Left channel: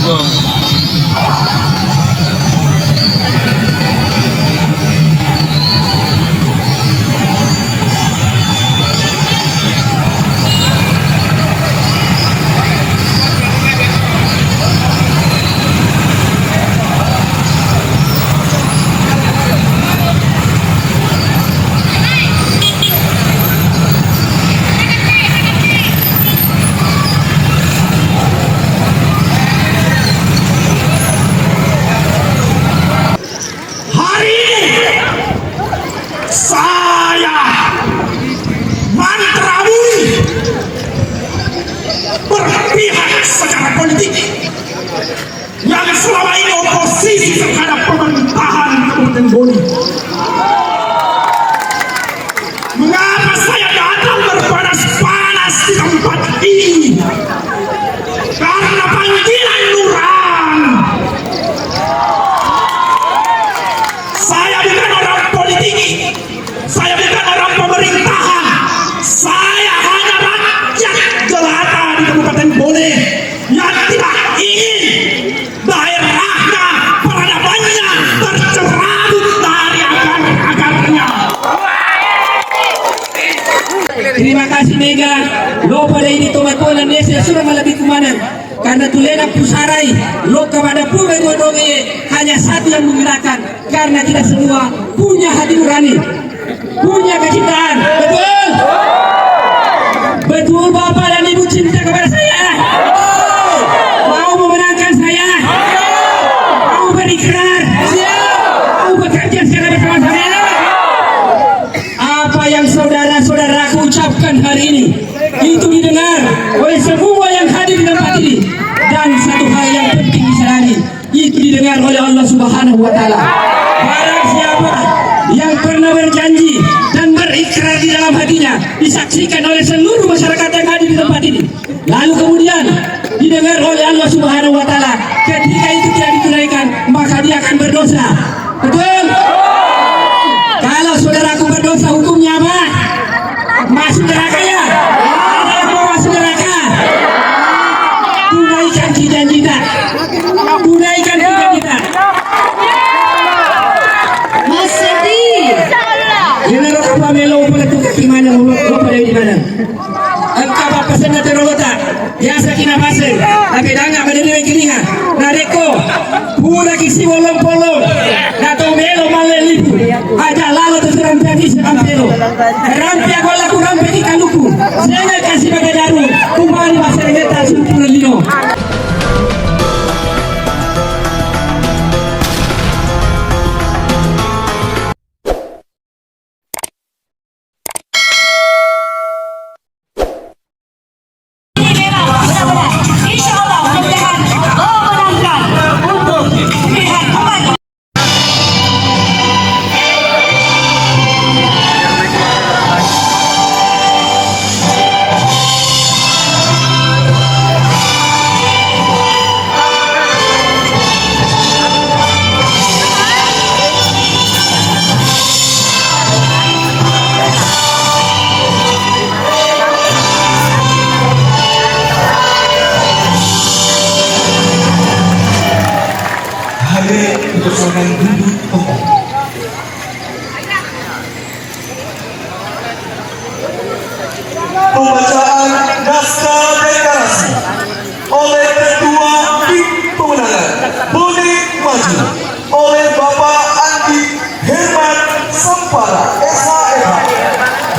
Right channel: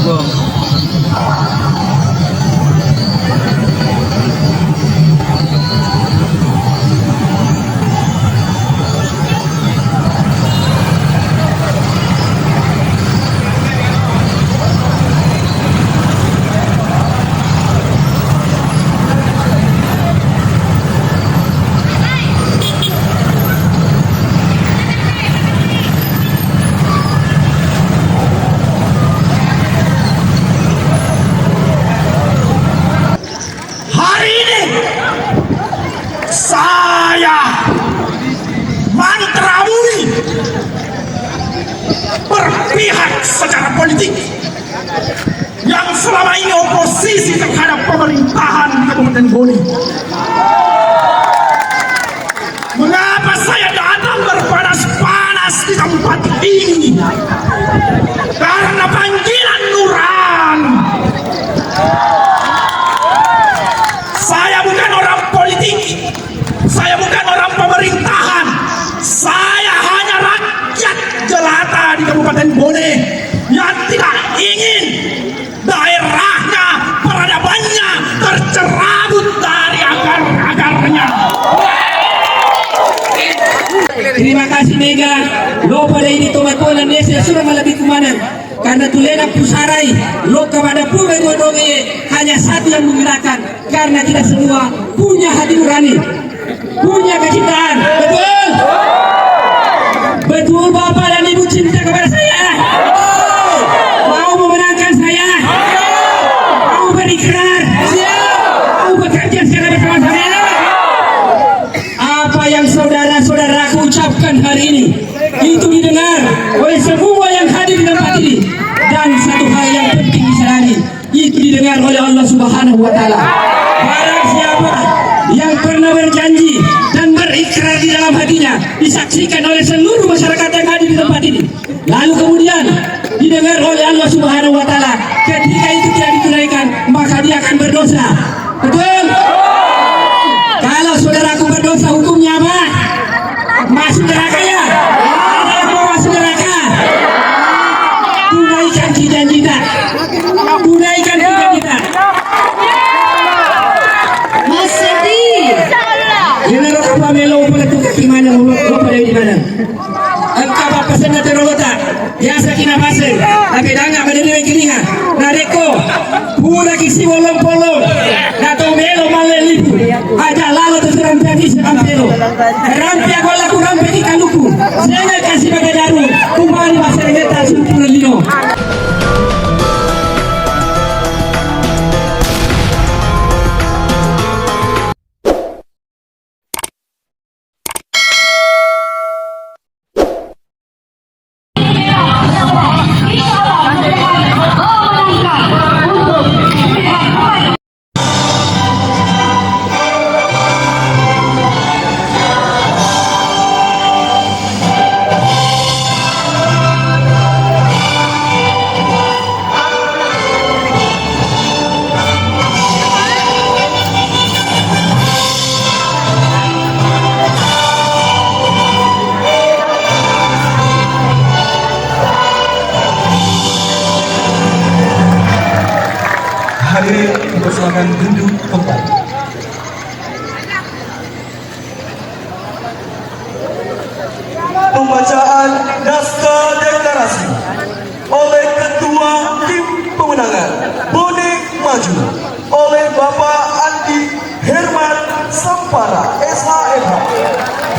Gong. Berpihak secara politik yang selama ini oposisi terhadap pemerintahan Kabupaten Bone. Mengapa saya datang berpanas-panas di tempat ini? Karena panggilan nurani. Saya bukan orang politik, saya bukan orang pemerintahan, saya hanya rakyat jelata di Kabupaten Bone yang tidak ingin daerahnya, peradabannya tercerabut dari akar-akarnya. Terima kasih Mega. Lo pada ini tomat bola Indonesia sudah lebih kemana? Karena tulena pusarai lo kepada pula donge hanya satu yang menggerakkan, karena kita semua punya hati nurani, punya kecintaan. Betul? Betul Bapak dan Ibu cinta kepada saya? Mau memenangkan saya? Mau berikrar? Mau bekerja secara bersama saya? Apa yang saudara-saudaraku ucapkan hari ini itu didengar oleh semua yang hadir di tempat ini, dan satu hal yang penting disadari, itu didengar oleh Allah Subhanahu wa Ta'ala. Barang siapa yang pernah berjanji dan berikrar di dalam hatinya disaksikan oleh seluruh masyarakat yang hadir di tempat ini, lalu kemudian didengar oleh Allah Subhanahu wa Ta'ala, ketika itu tidak ditunaikan, maka dia akan berdosa. Betul? Kalau saudaraku berdosa, hukumnya apa? Masuk neraka ya? Ada yang mau masuk neraka? Tunaikan janji kita. Tunaikan janji kita. Mas Seti. General apa melo pala tu kaki mana mulut lo pada di mana? Engkau apa senda terolota? Biasa kina pasir. Tapi danga pada dia kiringa. Nareko. Pura kisi bolong-bolong. Nato melo malelipu. Aja lalu terserang tadi sekampelo. Rampi aku laku rampi di kaluku. Saya kasih pada daru. Kembali pasir neta sumpur lino. Persoalan duduk tempat. Pembacaan naskah deklarasi oleh Ketua Tim Pemenangan Bone Maju oleh Bapak Andi Herman Sampara SHMH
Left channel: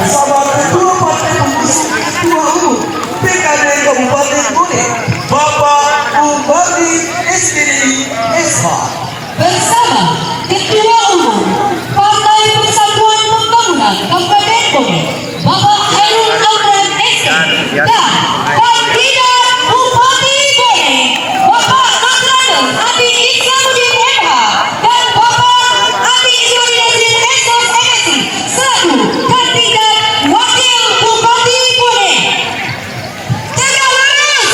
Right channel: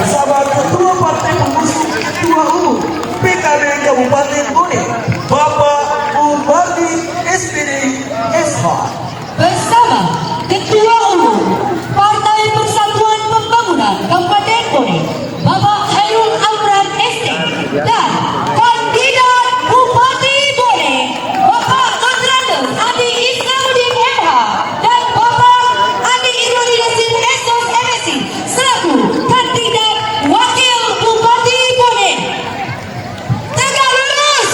bersama Ketua Partai Pengusung Ketua Umum PKB Kabupaten Bone Bapak Bupati SPDI SH Bersama Ketua Umum Partai Persatuan Pembangunan Kabupaten Bone Bapak Khairul Amran SC, dan kandidat Bupati Bone Bapak Dr. Adi Islamuddin MH dan Bapak Adi Islamuddin Esos MSc selaku kandidat Wakil Bupati Bone. Tegak lurus.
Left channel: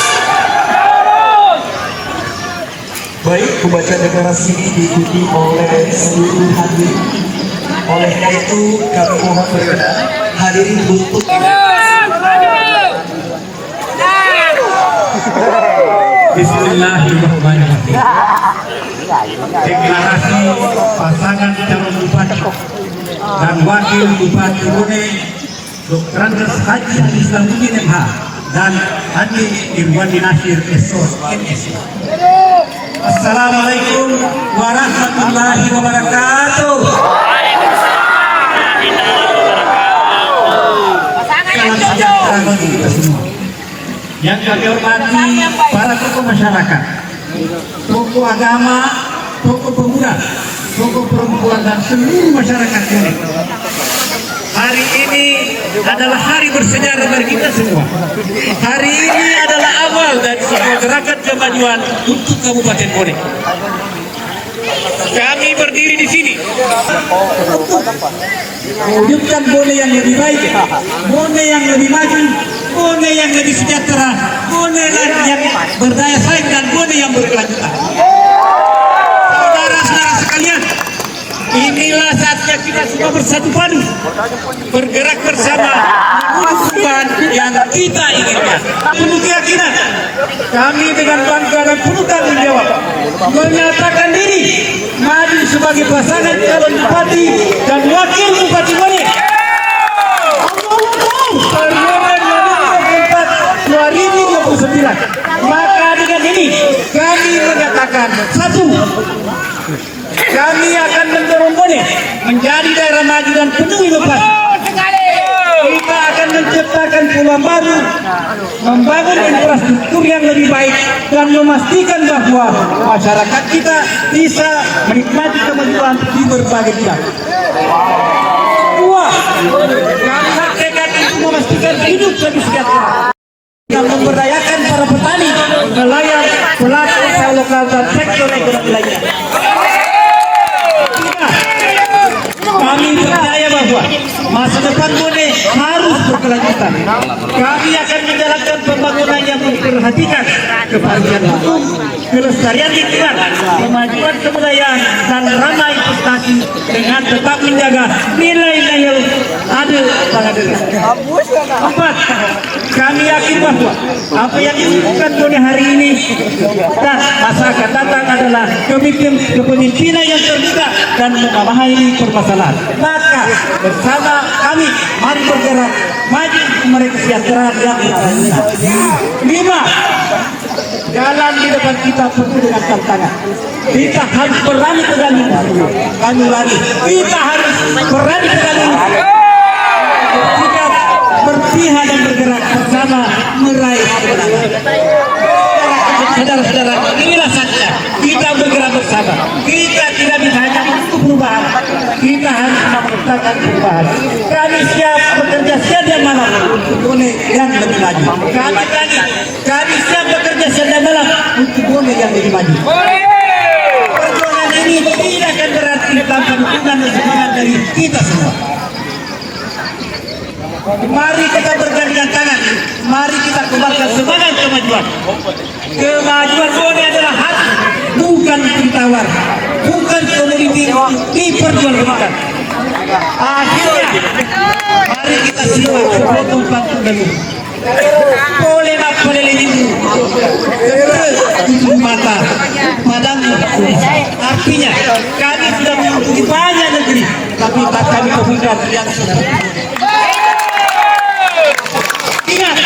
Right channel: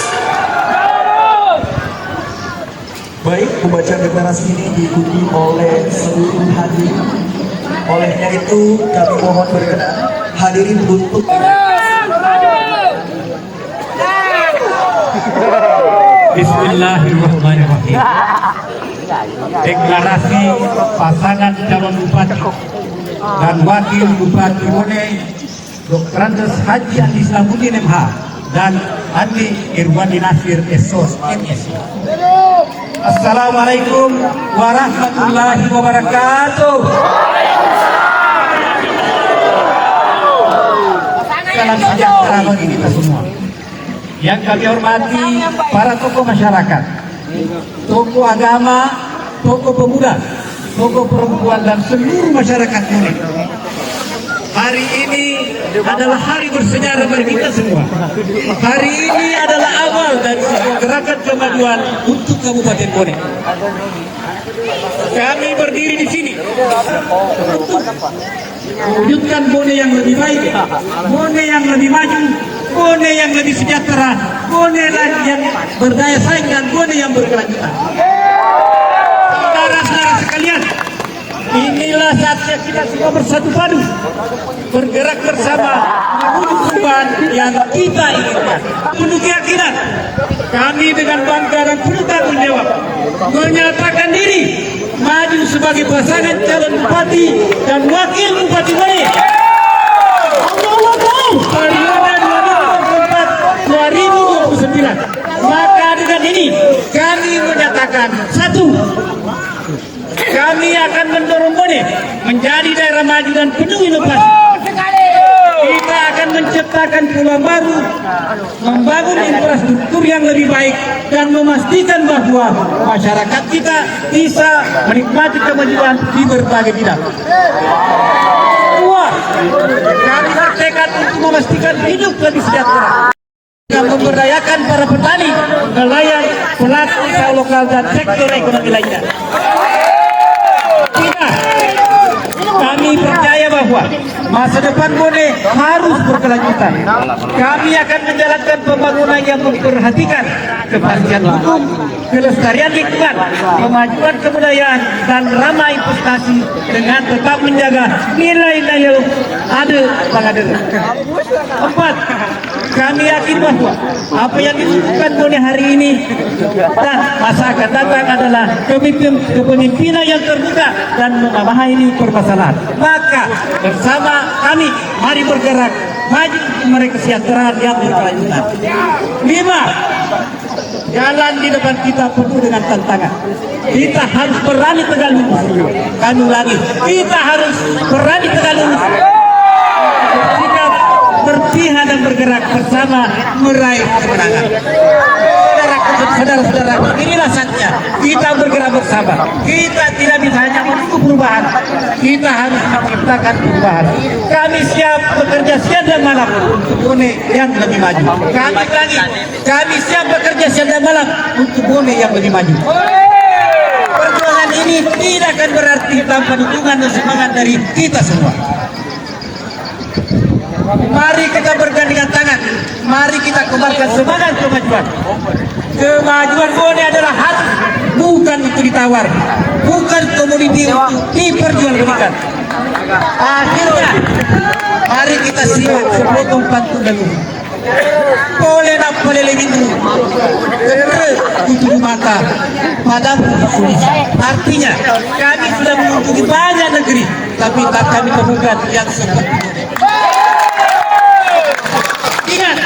Baik, pembacaan deklarasi ini diikuti oleh seluruh hadirin. Oleh karena itu kami mohon berkenan hadirin untuk Bismillahirrahmanirrahim. Deklarasi pasangan calon bupati dan wakil bupati Bone, Dr. Andes Haji Andi Islamuddin MH dan Andi Irwandi Nasir SOS MS. Assalamualaikum warahmatullahi wabarakatuh. Salam sejahtera bagi kita semua. Yang kami hormati para tokoh masyarakat, tokoh agama, tokoh pemuda, tokoh perempuan dan seluruh masyarakat Bone. Hari ini adalah hari bersejarah bagi kita semua. Hari ini adalah awal dari sebuah gerakan kemajuan untuk Kabupaten Bone. Kami berdiri di sini untuk mewujudkan Bone yang lebih baik, Bone yang lebih maju, Bone yang lebih sejahtera, Bone yang berdaya saing dan Bone yang berkelanjutan. Saudara-saudara sekalian, inilah saatnya kita semua bersatu padu, bergerak bersama menuju perubahan yang kita inginkan. Penuh keyakinan, kami dengan bangga dan penuh tanggung jawab menyatakan diri maju sebagai pasangan calon bupati dan wakil bupati Bone. Periode 2024-2029. Maka dengan ini kami menyatakan satu, kami akan mendorong Bone menjadi daerah maju dan penuh inovasi. Kita akan menciptakan peluang baru, membangun infrastruktur yang lebih baik dan memastikan bahwa masyarakat kita bisa menikmati kemajuan di berbagai bidang. Dua, kami bertekad untuk memastikan hidup lebih sejahtera dan memberdayakan para petani, nelayan, pelaku usaha lokal dan sektor ekonomi lainnya. Kami percaya bahwa masa depan Bone harus berkelanjutan. Kami akan menjalankan pembangunan yang memperhatikan kepastian hukum, kelestarian lingkungan, kemajuan kebudayaan, dan ramah investasi dengan tetap menjaga nilai-nilai adil pengadil. Empat, kami yakin bahwa apa yang dilakukan Bone hari ini dan masa akan datang adalah kepemimpinan yang terbuka dan memahami permasalahan. Maka bersama kami mari bergerak maju mereka kesejahteraan yang berkelanjutan. 5, jalan di depan kita penuh dengan tantangan. Kita harus berani tegang kami lari. Kita harus berani tegang kita berpihak dan bergerak bersama meraih kemenangan. Saudara-saudara, inilah saatnya kita bergerak bersama. Kita tidak bisa hanya untuk perubahan, kita harus menciptakan perubahan. Kami siap bekerja siang dan malam untuk Bone yang lebih maju. Kami siap bekerja siang dan malam untuk Bone yang lebih maju. Perjuangan ini tidak akan berarti tanpa dukungan dan semangat dari kita semua. Mari kita bergandengan tangan, mari kita kembangkan semangat kemajuan. Kemajuan Bone adalah hak, bukan ditawar, bukan komoditi diperjualbelikan. Akhirnya, mari kita simak sepotong pantun dulu. Boleh nak boleh lebih tujuh mata, padamu artinya kami sudah mengunjungi banyak negeri, tapi tak kami temukan yang seperti ini. Ingat,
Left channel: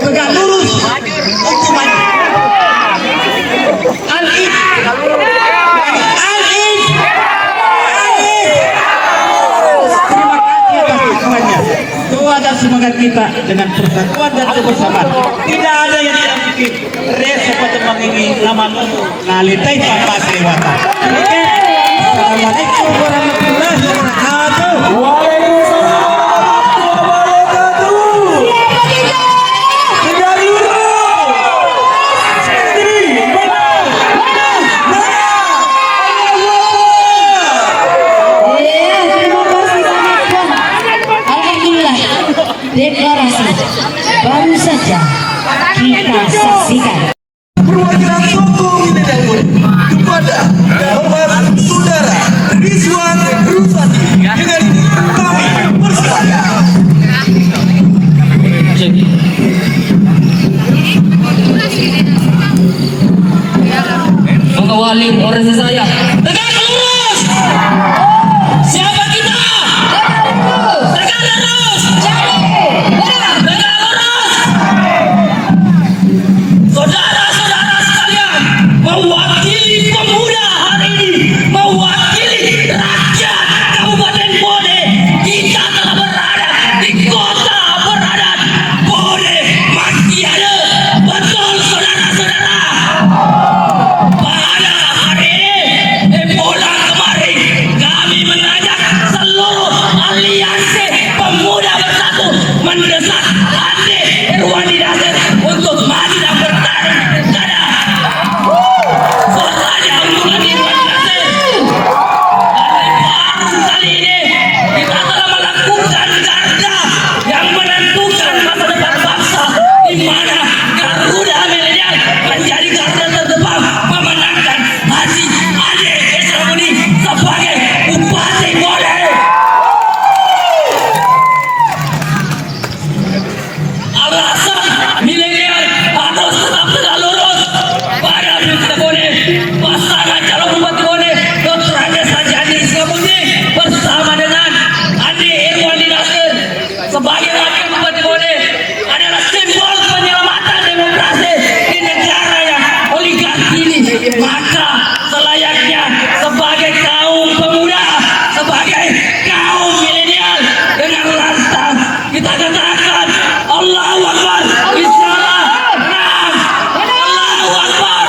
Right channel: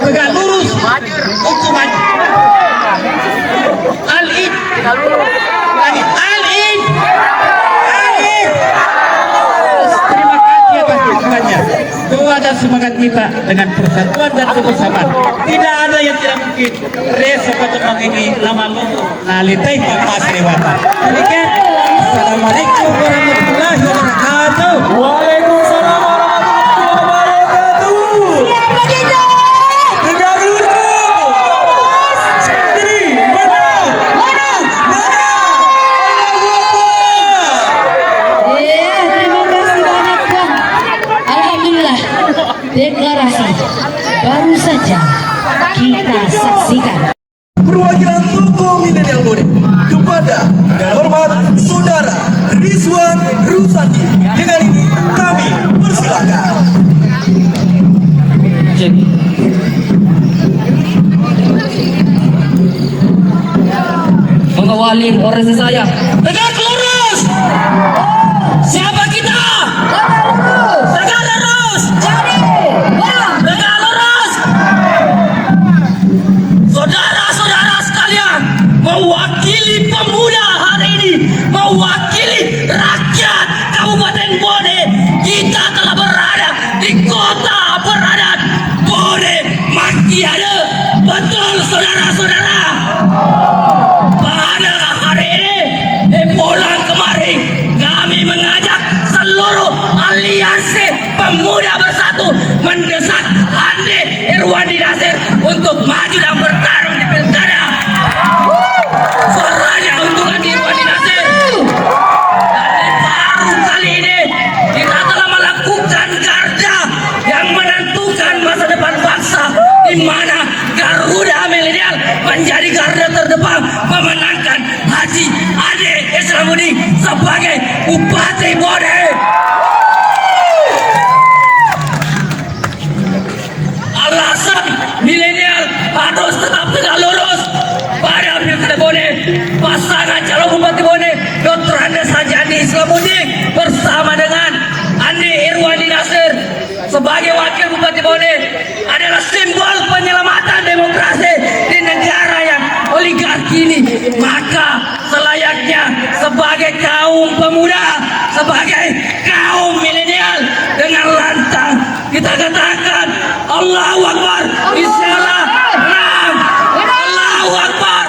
tegak lurus untuk maju. Al-Id, Al-Id. Terima kasih atas dukungannya. Doa dan semangat kita dengan persatuan dan kebersamaan. Tidak ada yang tidak mungkin. Resa Patemang ini nama Nuhu Nalitai Pakas Lewatan. Assalamualaikum warahmatullahi wabarakatuh. Waalaikumsalam. Deklarasi baru saja kita saksikan. Perwakilan tokoh milenial Bone kepada yang hormat Saudara Rizwan Rusadi. Dengan ini kami persilakan. halim orang saya. Tegak lurus. Siapa kita? Tegak lurus. Tegak lurus. Saudara-saudara sekalian, mewakili pemuda hari ini, mewakili rakyat Kabupaten Bone, kita telah berada di kota Beradat Bone Makiada. Betul saudara-saudara. Pada hari ini, bulan kemarin, kami mengajak seluruh aliansi pemuda bersatu mendesak Andi Irwandi Nasir untuk maju dan bertarung di pilkada. Suaranya untuk Andi Irwandi Nasir. Dan baru kali ini kita telah melakukan garda yang menentukan masa depan bangsa, di mana Garuda Milenial menjadi garda terdepan memenangkan Haji Ade Esramuni sebagai Bupati Bone. Alasan milenial harus tetap tegak lurus pada pilkada Bone. Pasangan calon Bupati Bone Dr. Andes Haji Ade Esramuni bersama dengan Andi Irwandi Nasir sebagai wakil Bupati Bone adalah simbol penyelamatan demokrasi di negara yang oligarki ini. Maka selayaknya sebagai kaum pemuda, sebagai kaum milenial, dengan lantang kita katakan Allahu Akbar, insyaallah menang. Allahu Akbar.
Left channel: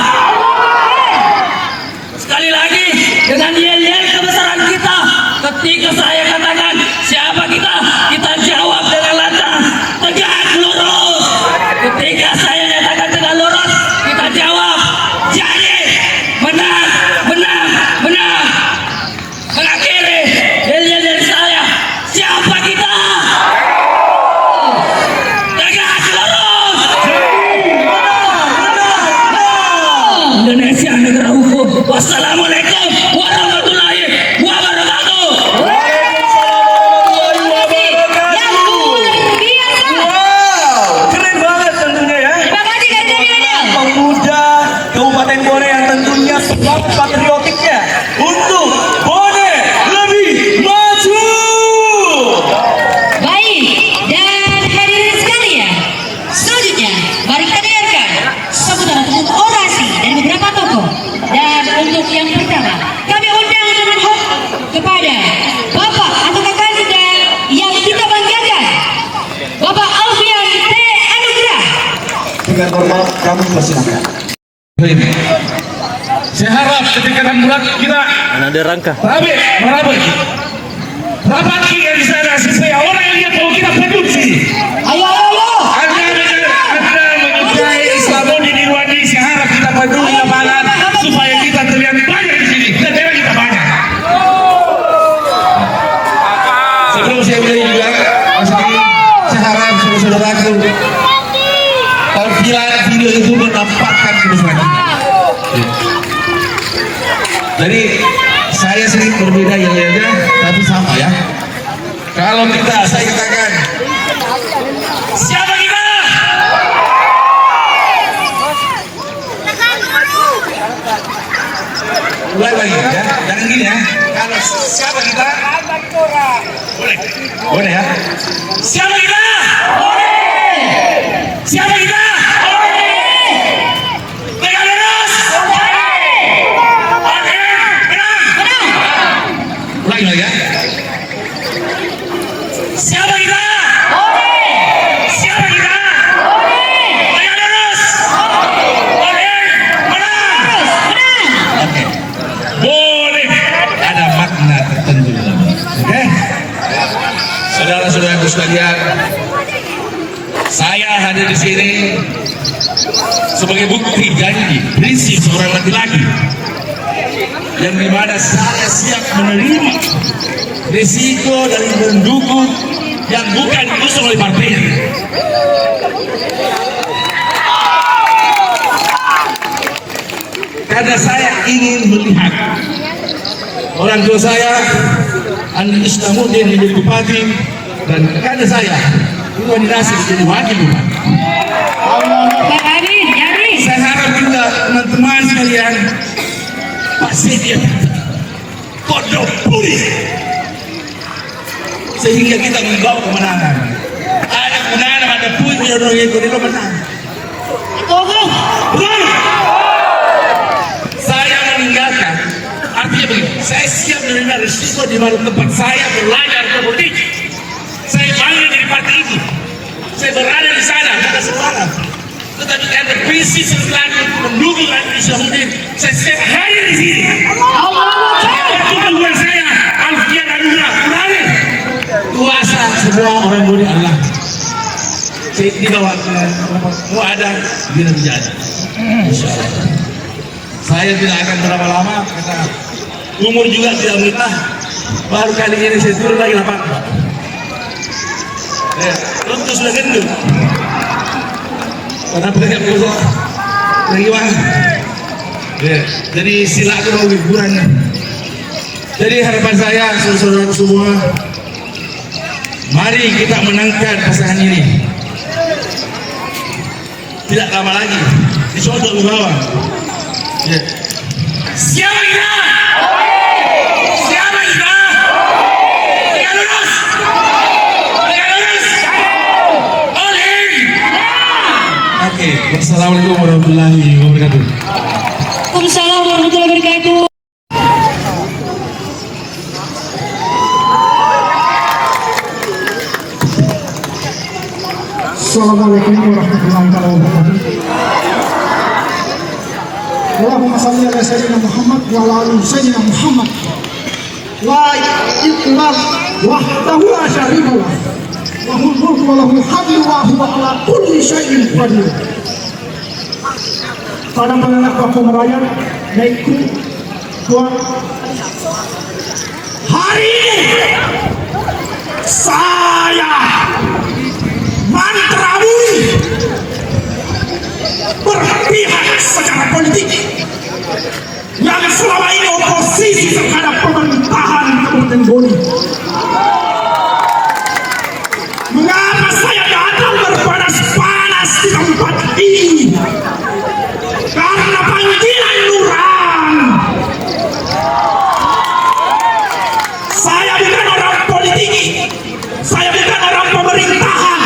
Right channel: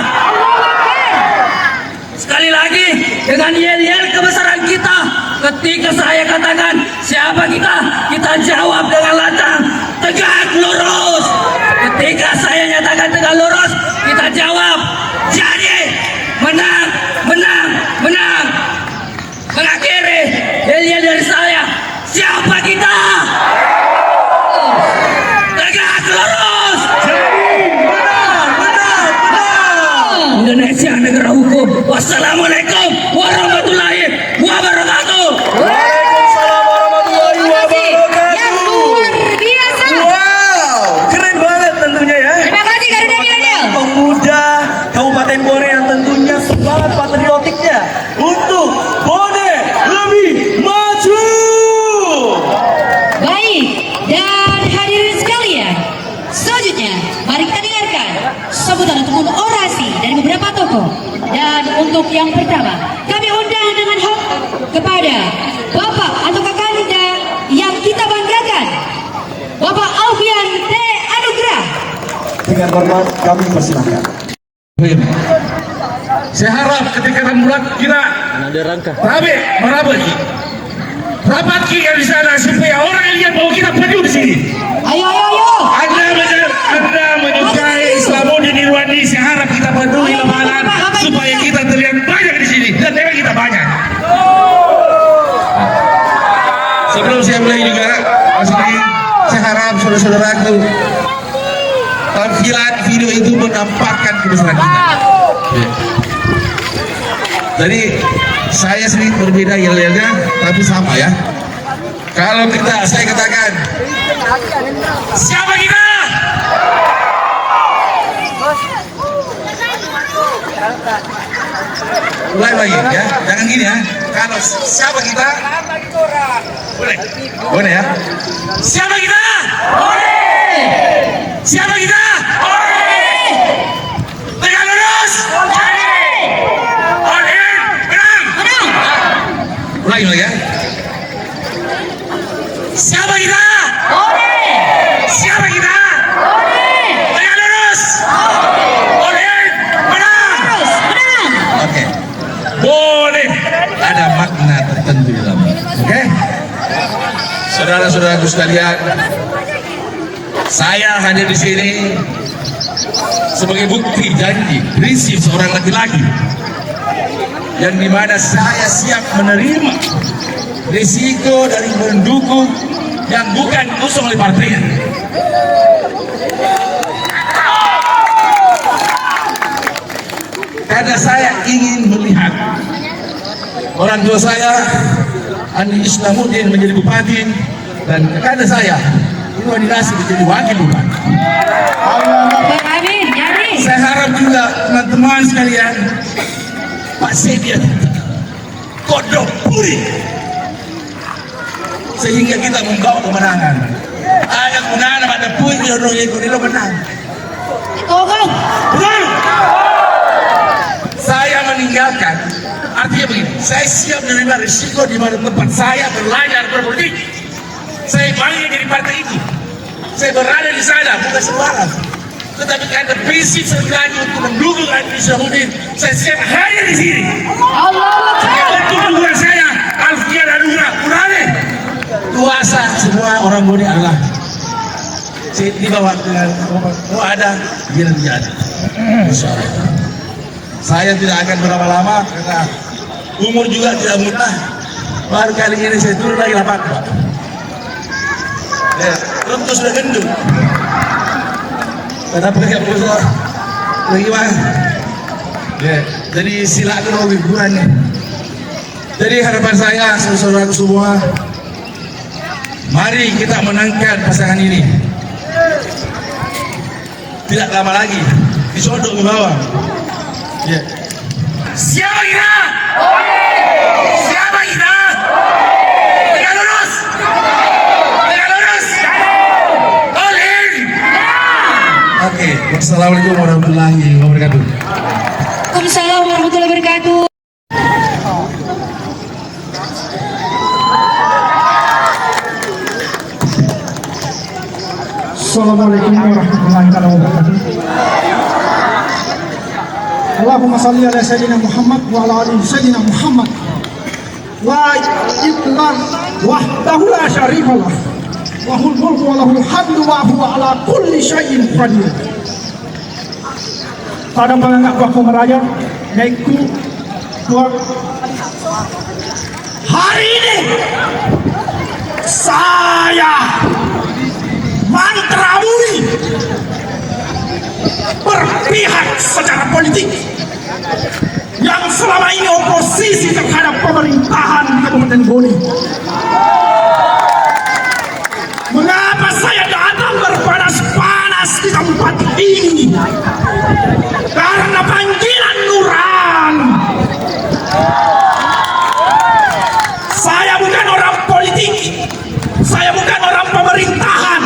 Sekali lagi dengan yel-yel kebesaran kita, ketika saya katakan siapa kita, kita jawab dengan lantang tegak lurus. Ketika saya nyatakan tegak lurus, kita jawab jadi menang, menang, menang. Mengakhiri yel-yel dari saya, siapa kita? Tegak lurus. Indonesia negara hukum. Wassalamualaikum warahmatullahi wabarakatuh. Yang luar biasa. Wow, keren banget tentunya ya. Terima kasih Garuda Milenial. Pemuda Kabupaten Bone yang tentunya semangat patriotiknya untuk Bone lebih maju. Baik, dan hadirin sekalian, selanjutnya mari kita dengarkan sambutan ataupun orasi dari beberapa tokoh. Dan untuk yang pertama, kami undang dengan hormat kepada Bapak atau kandidat yang kita banggakan, Bapak Alfian T. Anugrah. Dengan hormat kami persilahkan. Saya harap ketika membuat kita Ada rangka. rapat kita di sana supaya orang lihat bahwa kita penuh di sini. Ayo. Anda menyukai Islamuddin Irwandi, saya harap kita penuh di lapangan supaya kita terlihat banyak di sini dan daerah kita banyak. Sebelum saya mulai juga, saya harap saudara-saudaraku, tampilan video itu menampakkan kebesaran kita. Jadi saya sedikit berbeda yel-yelnya, tapi sama ya. Kalau saya katakan, siapa kita? Mulai lagi ya, jangan gini ya. Kalau siapa kita? Boleh ya. Siapa kita? Siapa kita? Tegak lurus. Oke, menang. Ulangi lagi ya. Siapa kita? Siapa kita? Tegak lurus. Oke, menang. Oke. Boleh. Ada makna tertentu di dalamnya. Oke. Saudara-saudaraku sekalian, saya hadir di sini sebagai bukti janji prinsip seorang laki-laki yang dimana saya siap menerima risiko dari mendukung yang bukan diusung oleh partainya. Karena saya ingin melihat orang tua saya Andi Islamuddin menjadi bupati dan karena saya Irwandi Nasir menjadi wakil bupati. Amin. Saya harap juga teman-teman sekalian Pak Setia kodok puri sehingga kita membawa kemenangan. Ada gunanya ada pun jodoh ikut itu menang. Benar. Saya meninggalkan, artinya begini, saya siap menerima risiko di mana tempat saya belajar berpolitik. Saya bangga dari partai itu. Saya berada di sana bukan sembarang. Tetapi karena prinsip serta untuk mendukung Andi Syamsuddin, saya siap hadir di sini. Untuk dukungan saya, Alfian Anugrah Kurani. Kuasa semua orang boleh Allah. Saya di bawah dengan mau ada, biar terjadi. Insya Allah. Saya tidak akan berlama-lama karena umur juga tidak mudah. Baru kali ini saya turun lagi lapangan. Tentu sudah gendut. Kenapa tidak bisa lagi bang? Jadi silakan mau hiburan. Jadi harapan saya saudara-saudara semua, mari kita menangkan pasangan ini. Tidak lama lagi disodok ke bawah. Siapa kita? Siapa kita? Tegak lurus. Tegak lurus. Oleh. Oke, wassalamualaikum warahmatullahi wabarakatuh. Waalaikumsalam warahmatullahi wabarakatuh. Assalamualaikum warahmatullahi wabarakatuh. Allahumma salli ala sayyidina Muhammad wa ala ali sayyidina Muhammad. La ilaha wahdahu la syarika lah. Lahul mulku wa lahul hamdu wa huwa ala kulli syai'in qadir. Pada penganggap waktu merayap, naikku tuan. Hari ini saya Mantrawuri berpihak secara politik yang selama ini oposisi terhadap pemerintahan Kabupaten Bone. Mengapa saya datang berpanas-panas di tempat ini? Karena panggilan nurani. Saya bukan orang politik, saya bukan orang pemerintahan.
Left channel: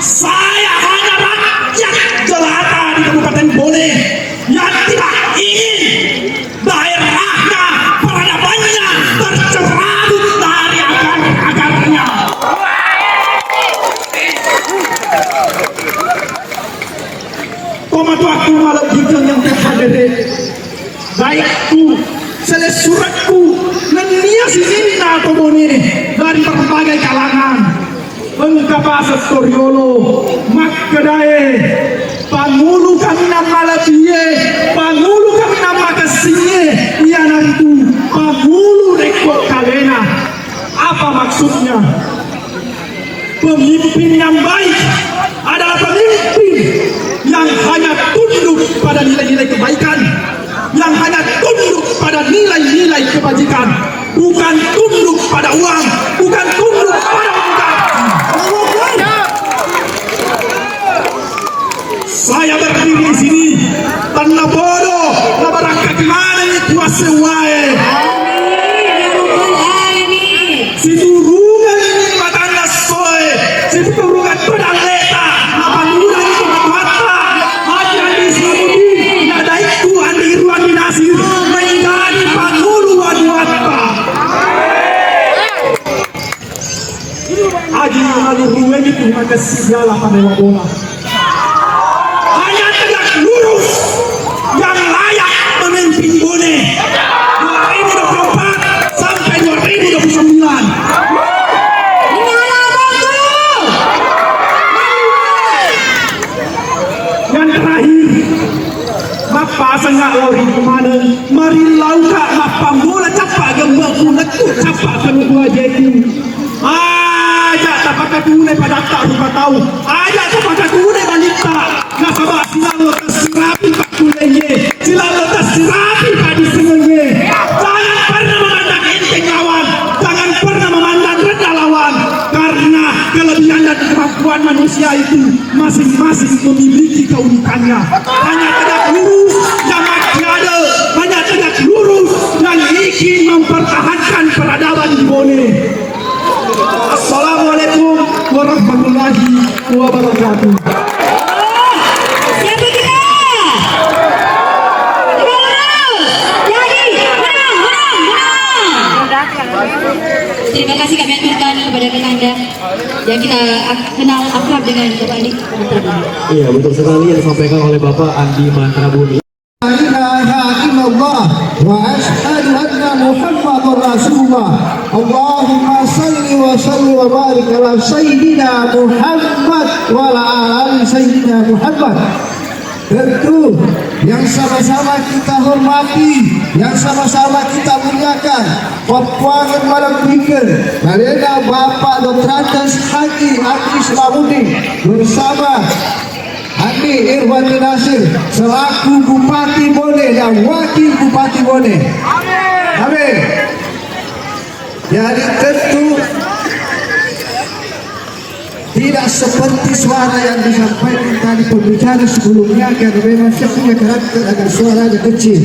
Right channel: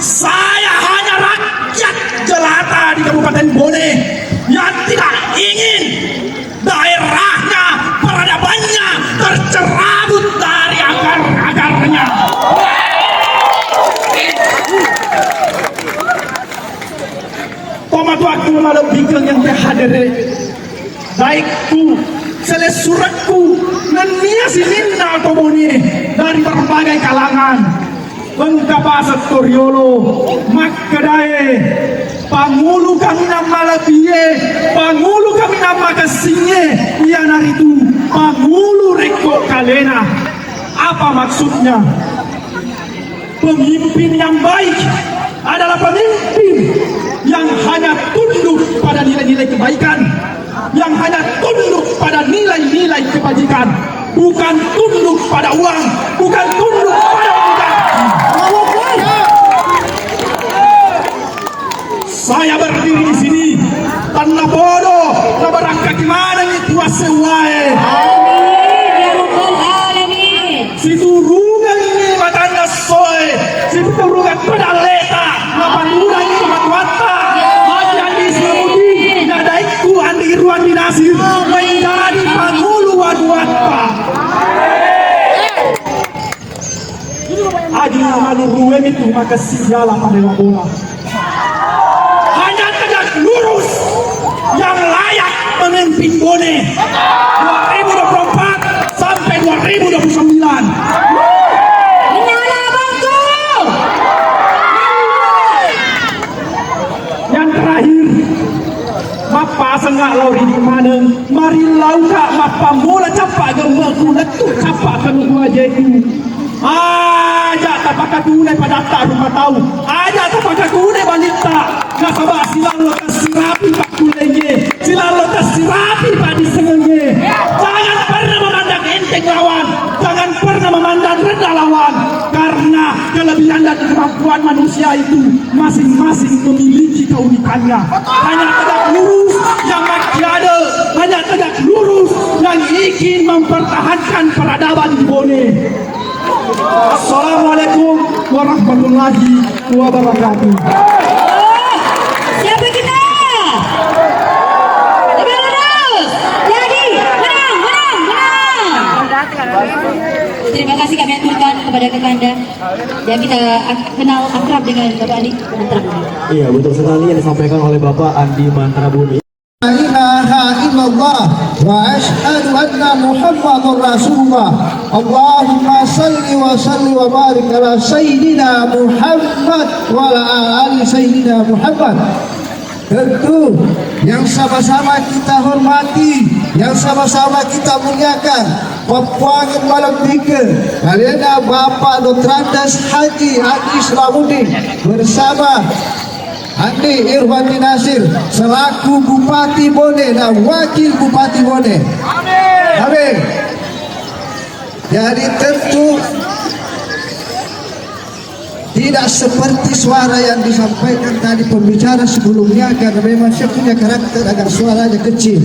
Saya hanya rakyat jelata di Kabupaten Bone yang tidak ingin daerahnya, peradabannya tercerabut dari akar-akarnya. Tomat waktu malam hingga yang terhadir, baikku, selesai suratku, nenia sisinta komuni dari berbagai kalangan. Pengkapasa Storiolo, Makadae, Pangulu kami nama Latie, Pangulu kami nama Kasinye, Iana itu, Pangulu Reko Kalena. Apa maksudnya? Pemimpin yang baik adalah pemimpin yang hanya tunduk pada nilai-nilai kebaikan, yang hanya tunduk pada nilai-nilai kebajikan, bukan tunduk pada uang, bukan tunduk pada uang. Saya berdiri di sini tanpa bodoh, na barangka gimana ini kuasa wae. Si turungan ini matanya soe, si turungan pedaleta, na panguran itu matuata, Haji Andi Syamsuddin, na daiku Andi Irwan Dinasir, menjadi pangulu waduata. Haji Andi Irwan itu maka sialah pada bola. Lurus yang layak memimpin Bone 2024 sampai 2029. Yang terakhir, Mapa senggak lauri kemana? Mari lauka Mapa mula capak gembaku netu capak kedua jeku. Ajak tapak tunai pada tak lupa tahu. Ajak tapak tunai balik tak. Nggak sabar silang lotas sirapi pak kulenya, silang lotas sirapi pak disengenya. Jangan pernah memandang enteng lawan, jangan pernah memandang rendah lawan. Karena kelebihan dan kemampuan manusia itu masing-masing memiliki keunikannya. Hanya tegak lurus yang masih ada, hanya tegak lurus ingin mempertahankan peradaban di Bone. Assalamualaikum warahmatullahi wabarakatuh. Siapa kita? Jadi, menang. Terima kasih kami aturkan kepada Kakanda yang kita kenal akrab dengan Bapak Andi Mantrabudi. Iya, betul sekali yang disampaikan oleh Bapak Andi Mantrabudi. La ilaha illallah wa ashhadu anna Muhammadar Rasulullah. Allahumma salli wa salli wa barik ala Sayyidina Muhammad wa ala ali Sayyidina Muhammad. Tentu yang sama-sama kita hormati, yang sama-sama kita muliakan, Bapak Malam Pikir, Baginda Bapak Dr. Andes Haji Andi Islamuddin bersama Andi Irwandi Nasir selaku Bupati Bone dan Wakil Bupati Bone. Amin. Jadi tentu tidak seperti suara yang disampaikan tadi pembicara sebelumnya, karena memang saya punya karakter agar suaranya kecil.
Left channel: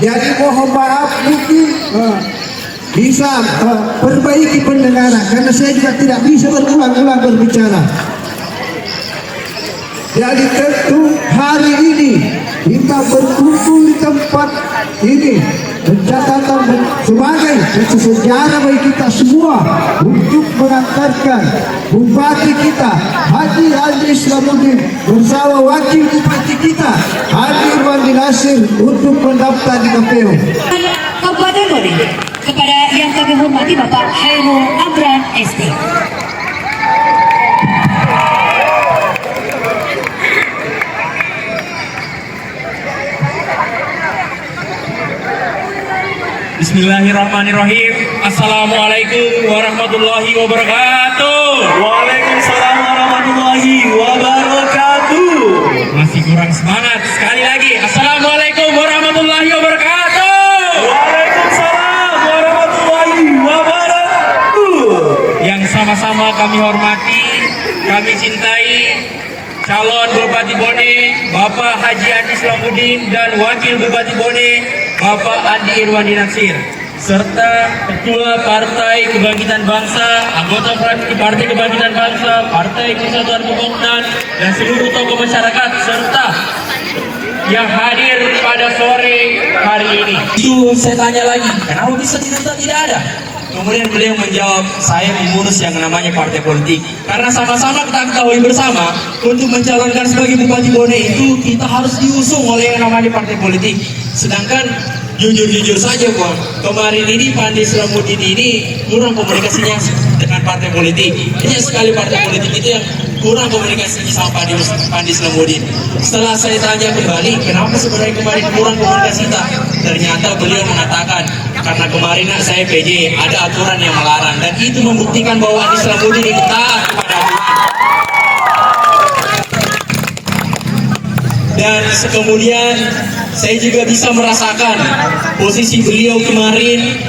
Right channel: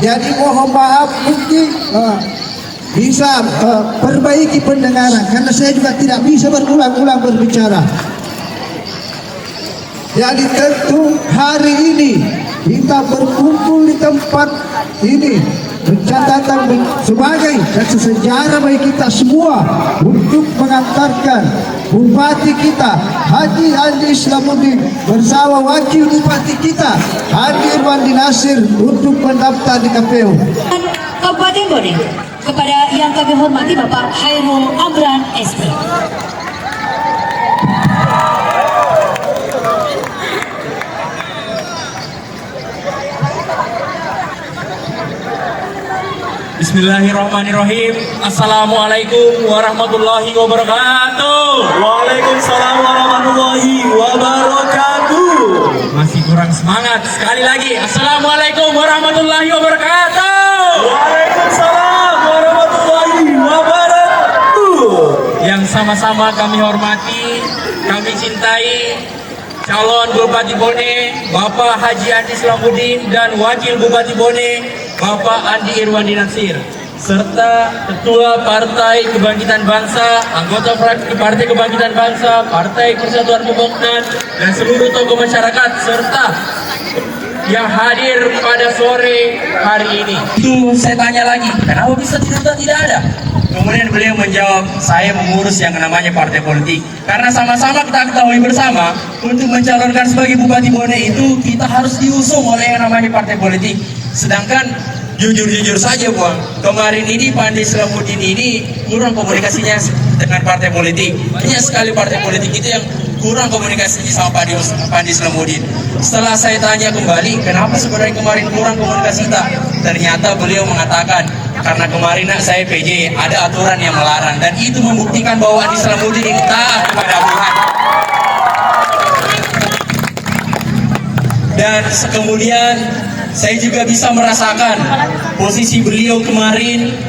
Jadi mohon maaf, mungkin bisa perbaiki pendengaran, karena saya juga tidak bisa berulang-ulang berbicara. Jadi tentu hari ini kita berkumpul di tempat ini mencatatkan sebagai satu sejarah bagi kita semua untuk mengantarkan Bupati kita Haji Andi Islamuddin bersama Wakil Bupati kita Andi Irwandi Nasir untuk mendaftar di KPU. Kabupaten Bone kepada yang kami hormati Bapak Hairul Amran SP. Bismillahirrahmanirrahim. Assalamualaikum warahmatullahi wabarakatuh. Waalaikumsalam warahmatullahi wabarakatuh. Masih kurang semangat. Sekali lagi. Assalamualaikum warahmatullahi wabarakatuh. Waalaikumsalam warahmatullahi wabarakatuh. Yang sama-sama kami hormati, kami cintai calon Bupati Bone Bapak Haji Andi Islamuddin dan Wakil Bupati Bone Bapak Andi Irwandi Nasir, serta Ketua Partai Kebangkitan Bangsa, anggota fraksi Partai Kebangkitan Bangsa, Partai Persatuan Pembangunan, dan seluruh tokoh masyarakat, serta yang hadir pada sore hari ini. Itu saya tanya lagi, kenapa bisa tidak ada? Kemudian beliau menjawab, saya mengurus yang namanya partai politik. Karena sama-sama kita ketahui bersama, untuk mencalonkan sebagai Bupati Bone itu kita harus diusung oleh yang namanya partai politik. Sedangkan jujur-jujur saja Bang, kemarin ini Pak Andi Islamuddin ini kurang komunikasinya dengan partai politik. Banyak sekali partai politik itu yang kurang komunikasinya sama Pak Andi Islamuddin. Setelah saya tanya kembali, kenapa sebenarnya kemarin kurang komunikasi kita? Ternyata beliau mengatakan, karena kemarin saya PJ, ada aturan yang melarang, dan itu membuktikan bahwa Andi Islamuddin ini taat kepada aturan. Dan kemudian saya juga bisa merasakan posisi beliau kemarin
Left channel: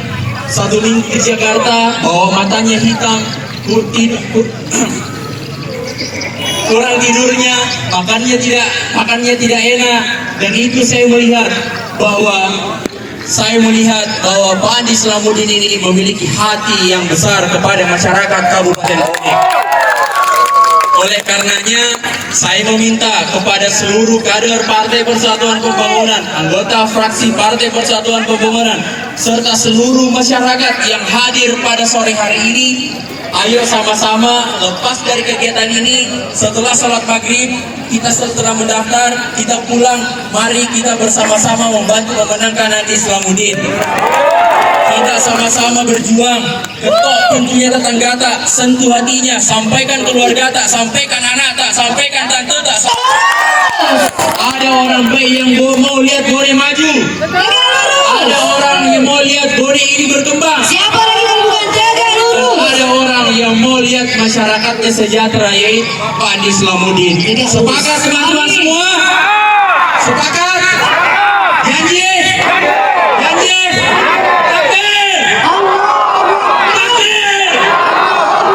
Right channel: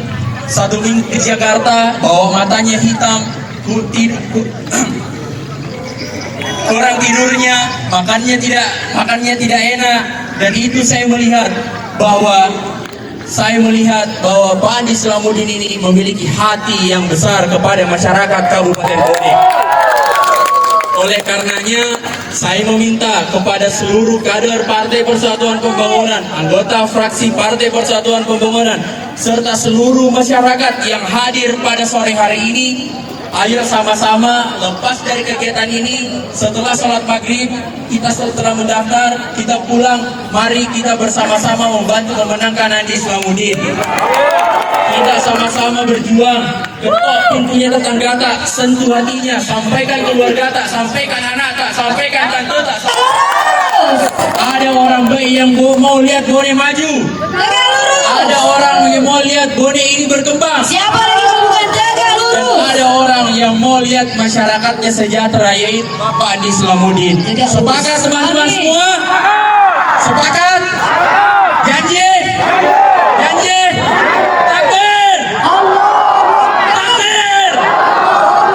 satu minggu di Jakarta, bahwa matanya hitam, kurang tidurnya, makannya tidak enak, dan itu saya melihat bahwa Pak Andi Islamuddin ini memiliki hati yang besar kepada masyarakat Kabupaten Bone. Oleh karenanya, saya meminta kepada seluruh kader Partai Persatuan Pembangunan, anggota fraksi Partai Persatuan Pembangunan, serta seluruh masyarakat yang hadir pada sore hari ini, ayo sama-sama lepas dari kegiatan ini. Setelah sholat maghrib, kita setelah mendaftar, kita pulang, mari kita bersama-sama membantu memenangkan Andi Islamuddin. Kita sama-sama berjuang, ketok pintunya tetangga tak, sentuh hatinya, sampaikan keluarga tak, sampaikan anak tak, sampaikan tante tak. Ada orang baik yang mau lihat Bone maju, ada orang yang mau lihat Bone ini berkembang. Siapa lagi yang bukan jaga lurus? Dan ada orang yang mau lihat masyarakatnya sejahtera, yaitu Pak Andi Islamuddin. Sepakat teman-teman semua? Sepakat? Janji? Janji? Takbir! Takbir!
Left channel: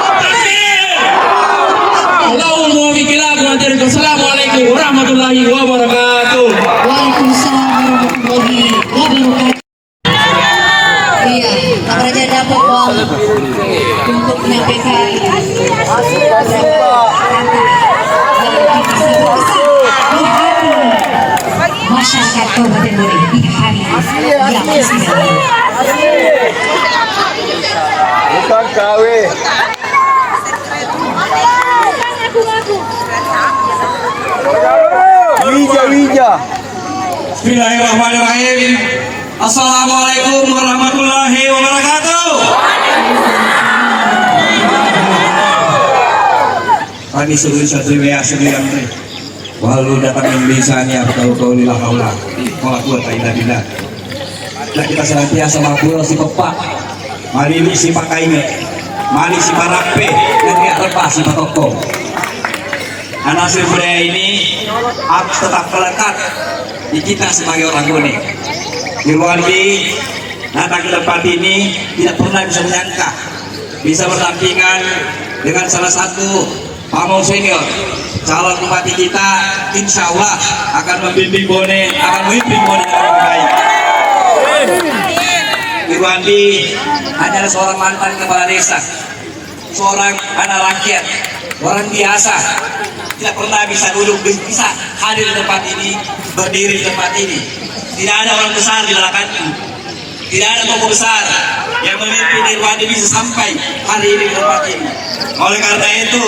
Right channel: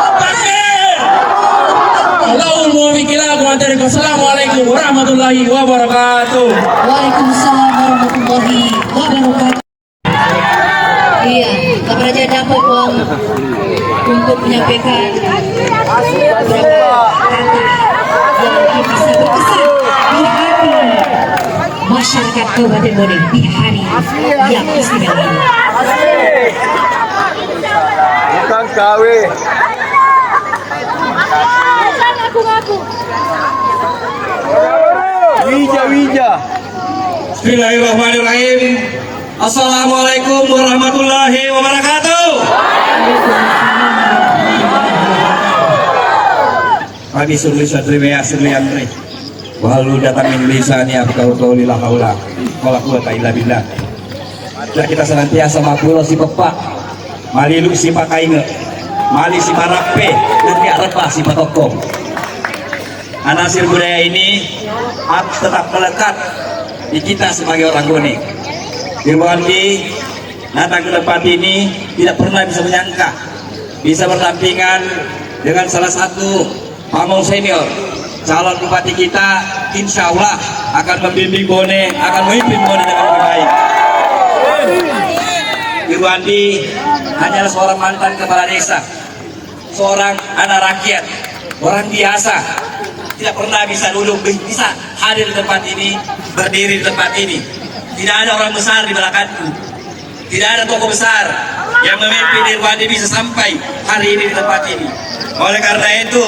Takbir! Allahul muwaffiq ila aqwamit. Assalamualaikum warahmatullahi wabarakatuh. Waalaikumsalam warahmatullahi wabarakatuh. masyarakat Kabupaten Bone pihak kami yang istimewa. Bukan KW. Wija. Bismillahirrahmanirrahim. Assalamualaikum warahmatullahi wabarakatuh. Kami seluruh satria sekalian, walau datang Indonesia atau kau lilah Allah, kalau kuat tidak bila. Dan kita senantiasa ngobrol si pepak, mari lu si pakaime, mari si parape, dan biar lepas si patoko. Hasil budaya ini harus tetap melekat di kita sebagai orang Bone. Irwandi datang ke tempat ini tidak pernah bisa menyangka bisa berdampingan dengan salah satu pamong senior calon bupati kita, insya Allah akan membimbing Bone, akan memimpin Bone dengan lebih baik. Irwandi hanyalah seorang mantan kepala desa, seorang anak rakyat, orang biasa, tidak pernah bisa duduk, bisa hadir di tempat ini, berdiri di tempat ini. Tidak ada orang besar di belakangku, tidak ada tokoh besar yang memimpin Irwandi bisa sampai hari ini di tempat ini. Oleh karena itu,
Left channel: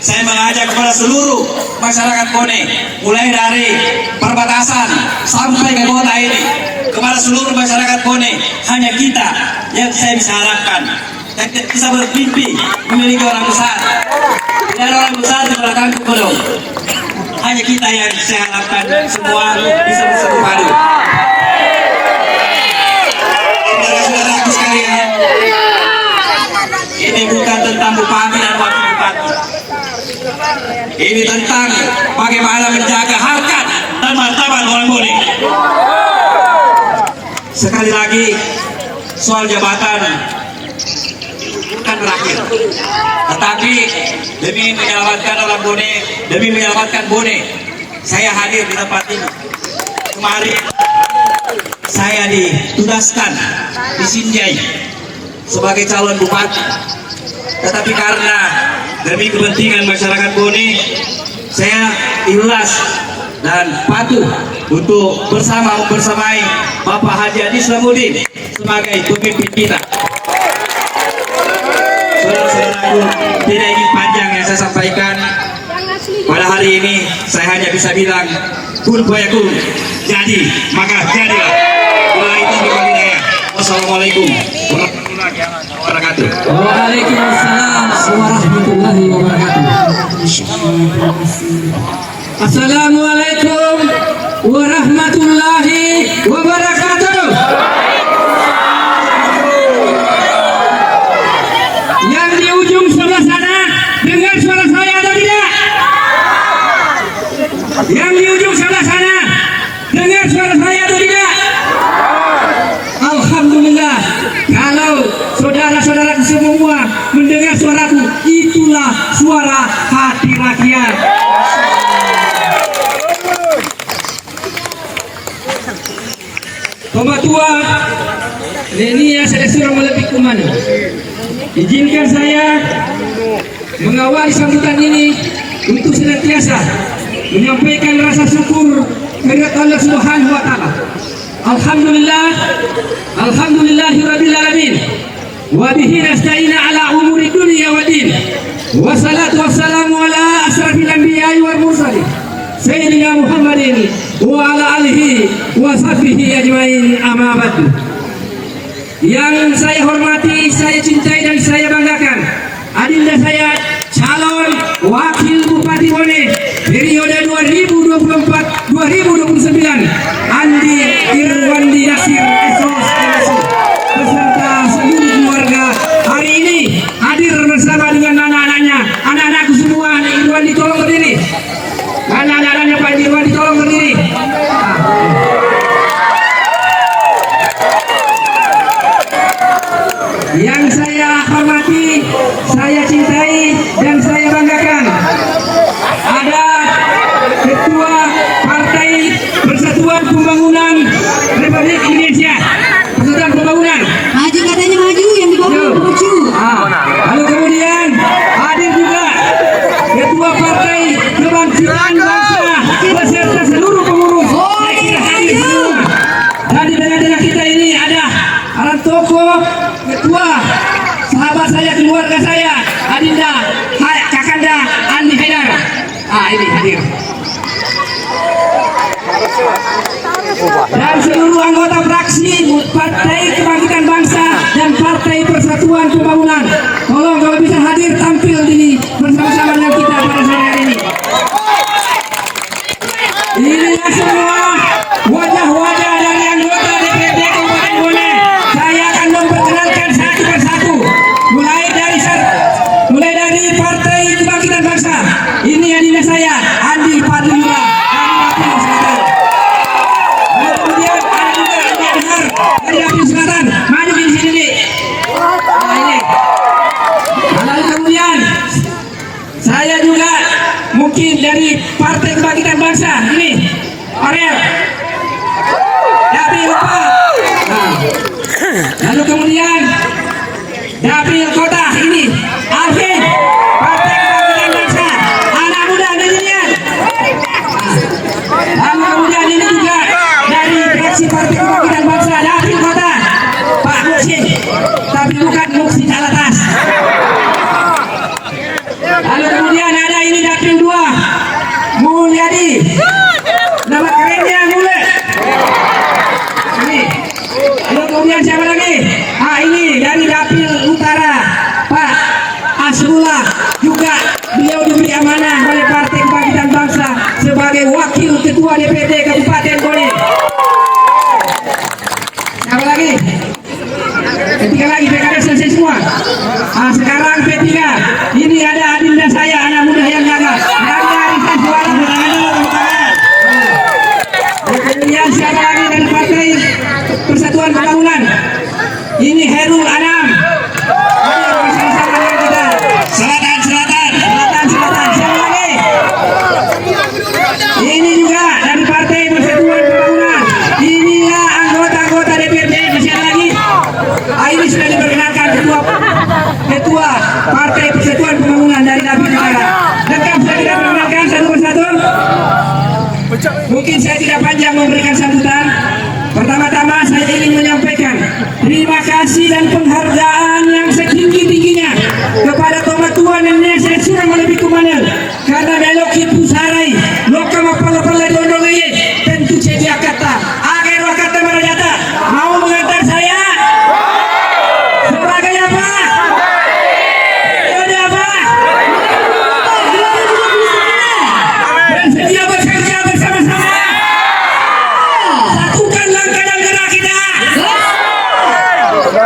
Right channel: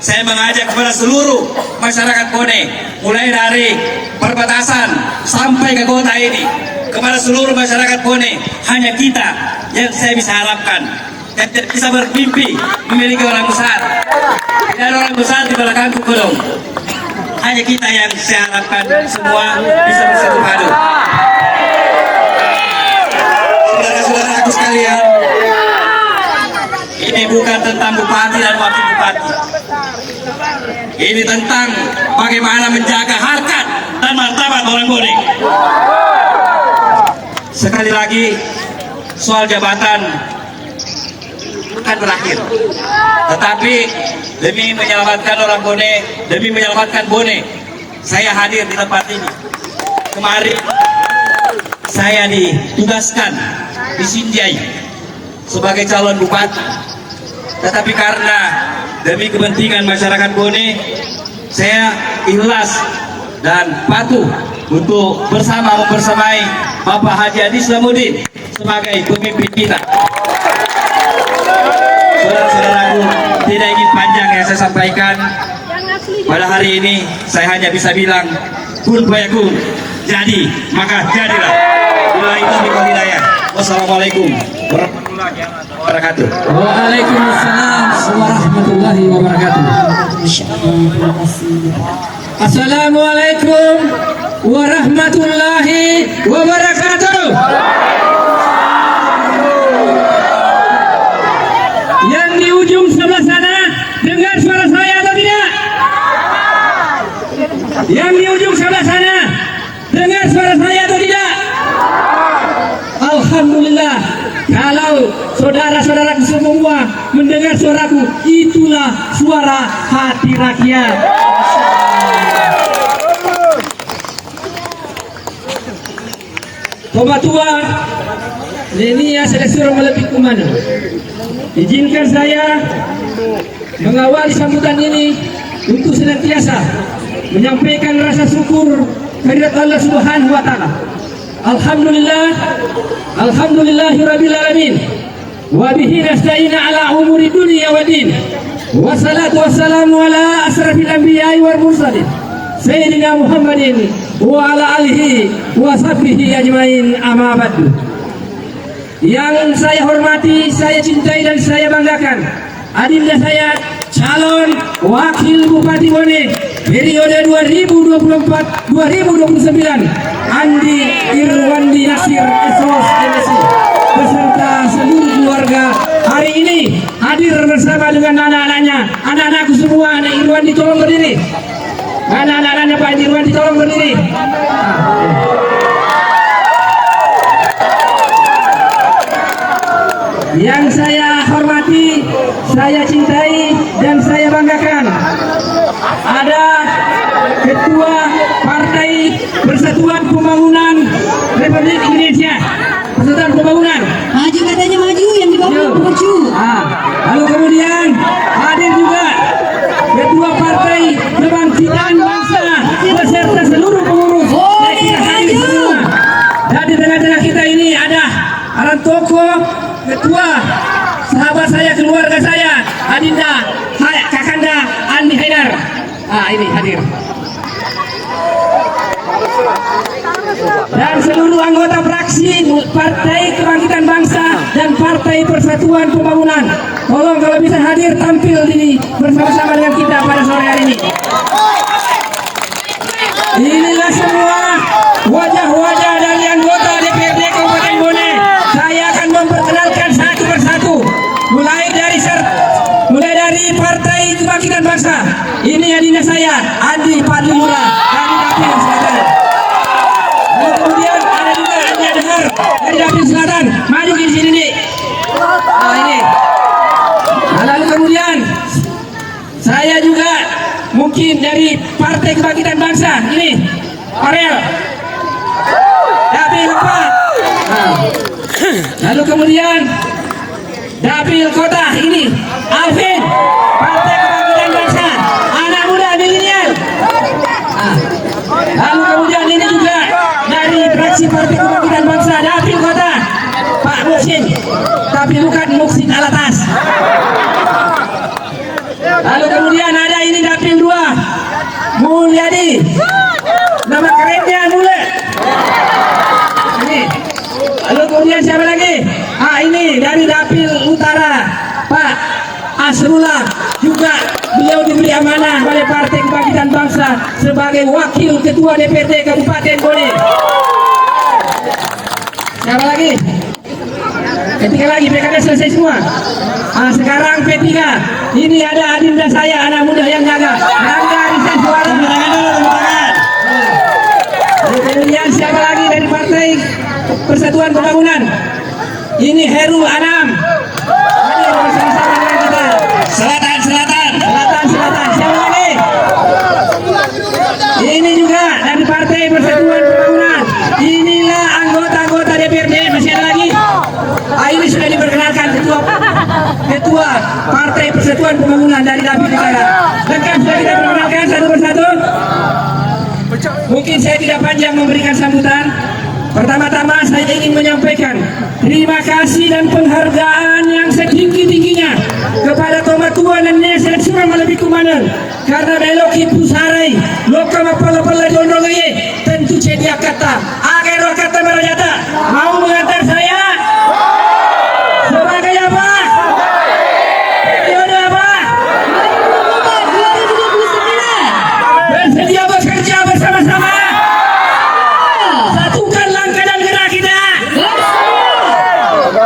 saya mengajak kepada seluruh masyarakat Bone, mulai dari perbatasan sampai ke kota ini, kepada seluruh masyarakat Bone, hanya kita yang saya bisa harapkan dan bisa bermimpi memiliki orang besar. Tidak ada orang besar di belakangku kodong. Hanya kita yang saya harapkan semua bisa bersatu padu. Saudara-saudaraku sekalian, ini bukan tentang bupati dan wakil bupati. Ini tentang bagaimana menjaga harkat dan martabat orang Bone. Sekali lagi, soal jabatan kan berakhir, tetapi demi menyelamatkan orang Bone, demi menyelamatkan Bone, saya hadir di tempat ini. Kemarin saya ditugaskan di Sinjai sebagai calon bupati, tetapi karena demi kepentingan masyarakat Bone, saya ikhlas dan patuh untuk bersamai Bapak Haji Adi Islamuddin sebagai pemimpin kita. Saudara-saudaraku, tidak ingin panjang yang saya sampaikan. Pada hari ini saya hanya bisa bilang kun fayakun, jadi maka jadilah. Bila itu hidayah. Wassalamualaikum warahmatullahi wabarakatuh. Waalaikumsalam warahmatullahi wabarakatuh. Assalamualaikum warahmatullahi wabarakatuh. Yang di ujung sebelah sana dengar suara saya atau tidak? Yang di ujung sebelah sana dengar suara saya atau tidak? Alhamdulillah, kalau saudara-saudaraku semua mendengar suaraku, itulah suara hati rakyat. Komatua Lenia seleksi lebih kumana. Izinkan saya mengawali sambutan ini untuk senantiasa menyampaikan rasa syukur kehadirat Allah Subhanahu wa taala. Alhamdulillahirabbil alamin. Wa bihi nasta'inu ala umuri dunya wa din. Wassalatu wassalamu ala asrafil anbiya'i wal mursalin. Sayyidina Muhammadin wa ala alihi wa sahbihi ajmain, amma ba'du. Yang saya hormati, saya cintai dan saya banggakan, adinda saya calon wakil Bupati Bone periode 2024-2029, Andi Irwandi Nasir SOS MSI beserta seluruh keluarga hari ini hadir bersama dengan anak-anaknya. Anak-anakku semua, anak Irwandi tolong berdiri. Mana anak-anaknya Pak Irwandi tolong berdiri. Yang saya hormati, saya cintai dan saya banggakan, ada Ketua Partai Persatuan Pembangunan Republik Indonesia, Persatuan Pembangunan. Maju katanya, maju yang di bawah maju. Lalu kemudian hadir juga Ketua Partai Kebangkitan Bangsa beserta seluruh pengurus. Saya kira Persatuan Pembangunan. Tolong kalau bisa hadir tampil di bersama-sama dengan kita pada sore hari ini. Inilah semua wajah-wajah dari anggota DPRD Kabupaten Bone. Saya akan memperkenalkan satu persatu. Mulai dari Partai Kebangkitan Bangsa. Ini adinda saya, Andil Fadlillah dari Dapil Selatan. Dan kemudian ada juga Anda dengar dari Dapil Selatan. Maju di sini nih. Nah ini. Lalu kemudian saya juga mungkin dari Partai Kebangkitan Bangsa. Ini Ariel. Dapil 4. Nah. Lalu kemudian Dapil Kota ini Alvin, Partai Kebangkitan Bangsa, anak muda milenial. Nah. Lalu kemudian ini juga dari fraksi Partai Kebangkitan Bangsa Dapil Kota Pak Muksin, tapi bukan Muksin Alatas. Lalu kemudian ada ini Dapil 2 Mulyadi, nama kerennya Mule. Ini. Lalu kemudian siapa lagi? Ini dari Dapil Utara Pak Asrullah, juga beliau diberi amanah oleh Partai Kebangkitan Bangsa sebagai Wakil Ketua DPRD Kabupaten Bone. Siapa lagi? P3 lagi, PKB selesai semua. Sekarang P3. Ini ada adinda saya, anak muda yang gagah. Rangga Arisan Suara. Kemudian siapa lagi dari Partai Persatuan Pembangunan? Ini Herul Anam. Ini bersama-sama dengan kita. Selatan. Siapa lagi? Ini juga dari Partai Persatuan Pembangunan. Inilah anggota-anggota DPRD. Masih ada lagi? Ini sudah diperkenalkan ketua Partai Persatuan Pembangunan dari Dapil Utara. Lengkap sudah kita perkenalkan satu persatu. Mungkin saya tidak panjang memberikan sambutan. Pertama-tama saya ingin menyampaikan terima kasih dan penghargaan yang setinggi-tingginya kepada Tomat Tuan dan Nesek Surang Malebih Kumanan karena dialogi pusarai lokama perlu-perlu dondongnya tentu cedia kata agar roh kata merajata mau mengantar saya sebagai apa? Yaudah apa? Bersedia bekerja bersama-sama. Satukan langkah dan gerak kita.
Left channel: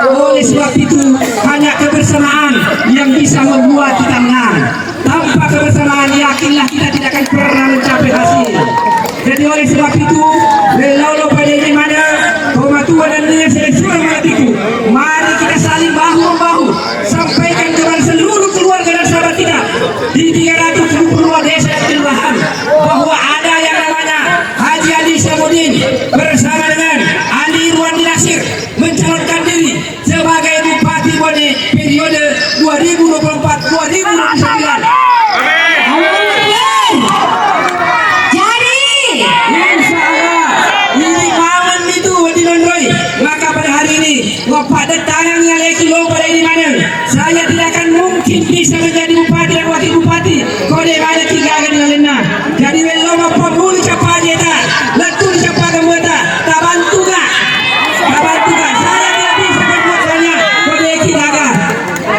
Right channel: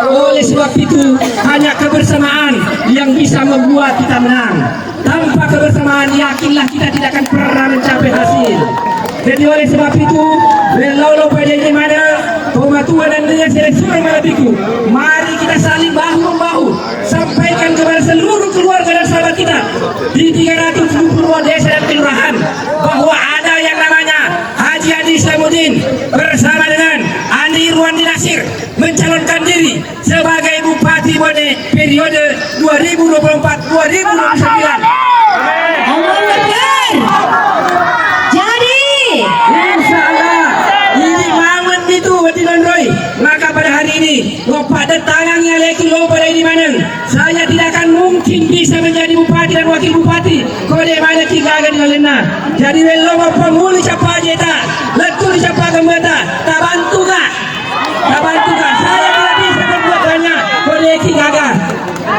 Oleh sebab itu hanya kebersamaan yang bisa membuat kita menang. Tanpa kebersamaan yakinlah kita tidak akan pernah mencapai hasil. Jadi oleh sebab itu Relaulo PDJ Mana Pematua dan dengan Surang Malatiku, mari kita saling bahu-membahu sampaikan kepada seluruh keluarga dan sahabat kita di 372 desa dan kelurahan bahwa ada yang namanya Haji Adi Syamudin bersama dengan Andi Irwandi Nasir mencalonkan diri sebagai Bupati Bone periode 2024-2029. Jadi Insya Allah ini maman itu Wadimandroi. Maka pada hari ini Bapak tangannya leki lo pada ini mana saya tidak akan mungkin bisa menjadi bupati dan wakil bupati kode mana tiga akan lena. Jadi lo mau pemuli siapa aja tak letu siapa kembata tak bantu gak saya tidak bisa berbuat banyak kode kilaga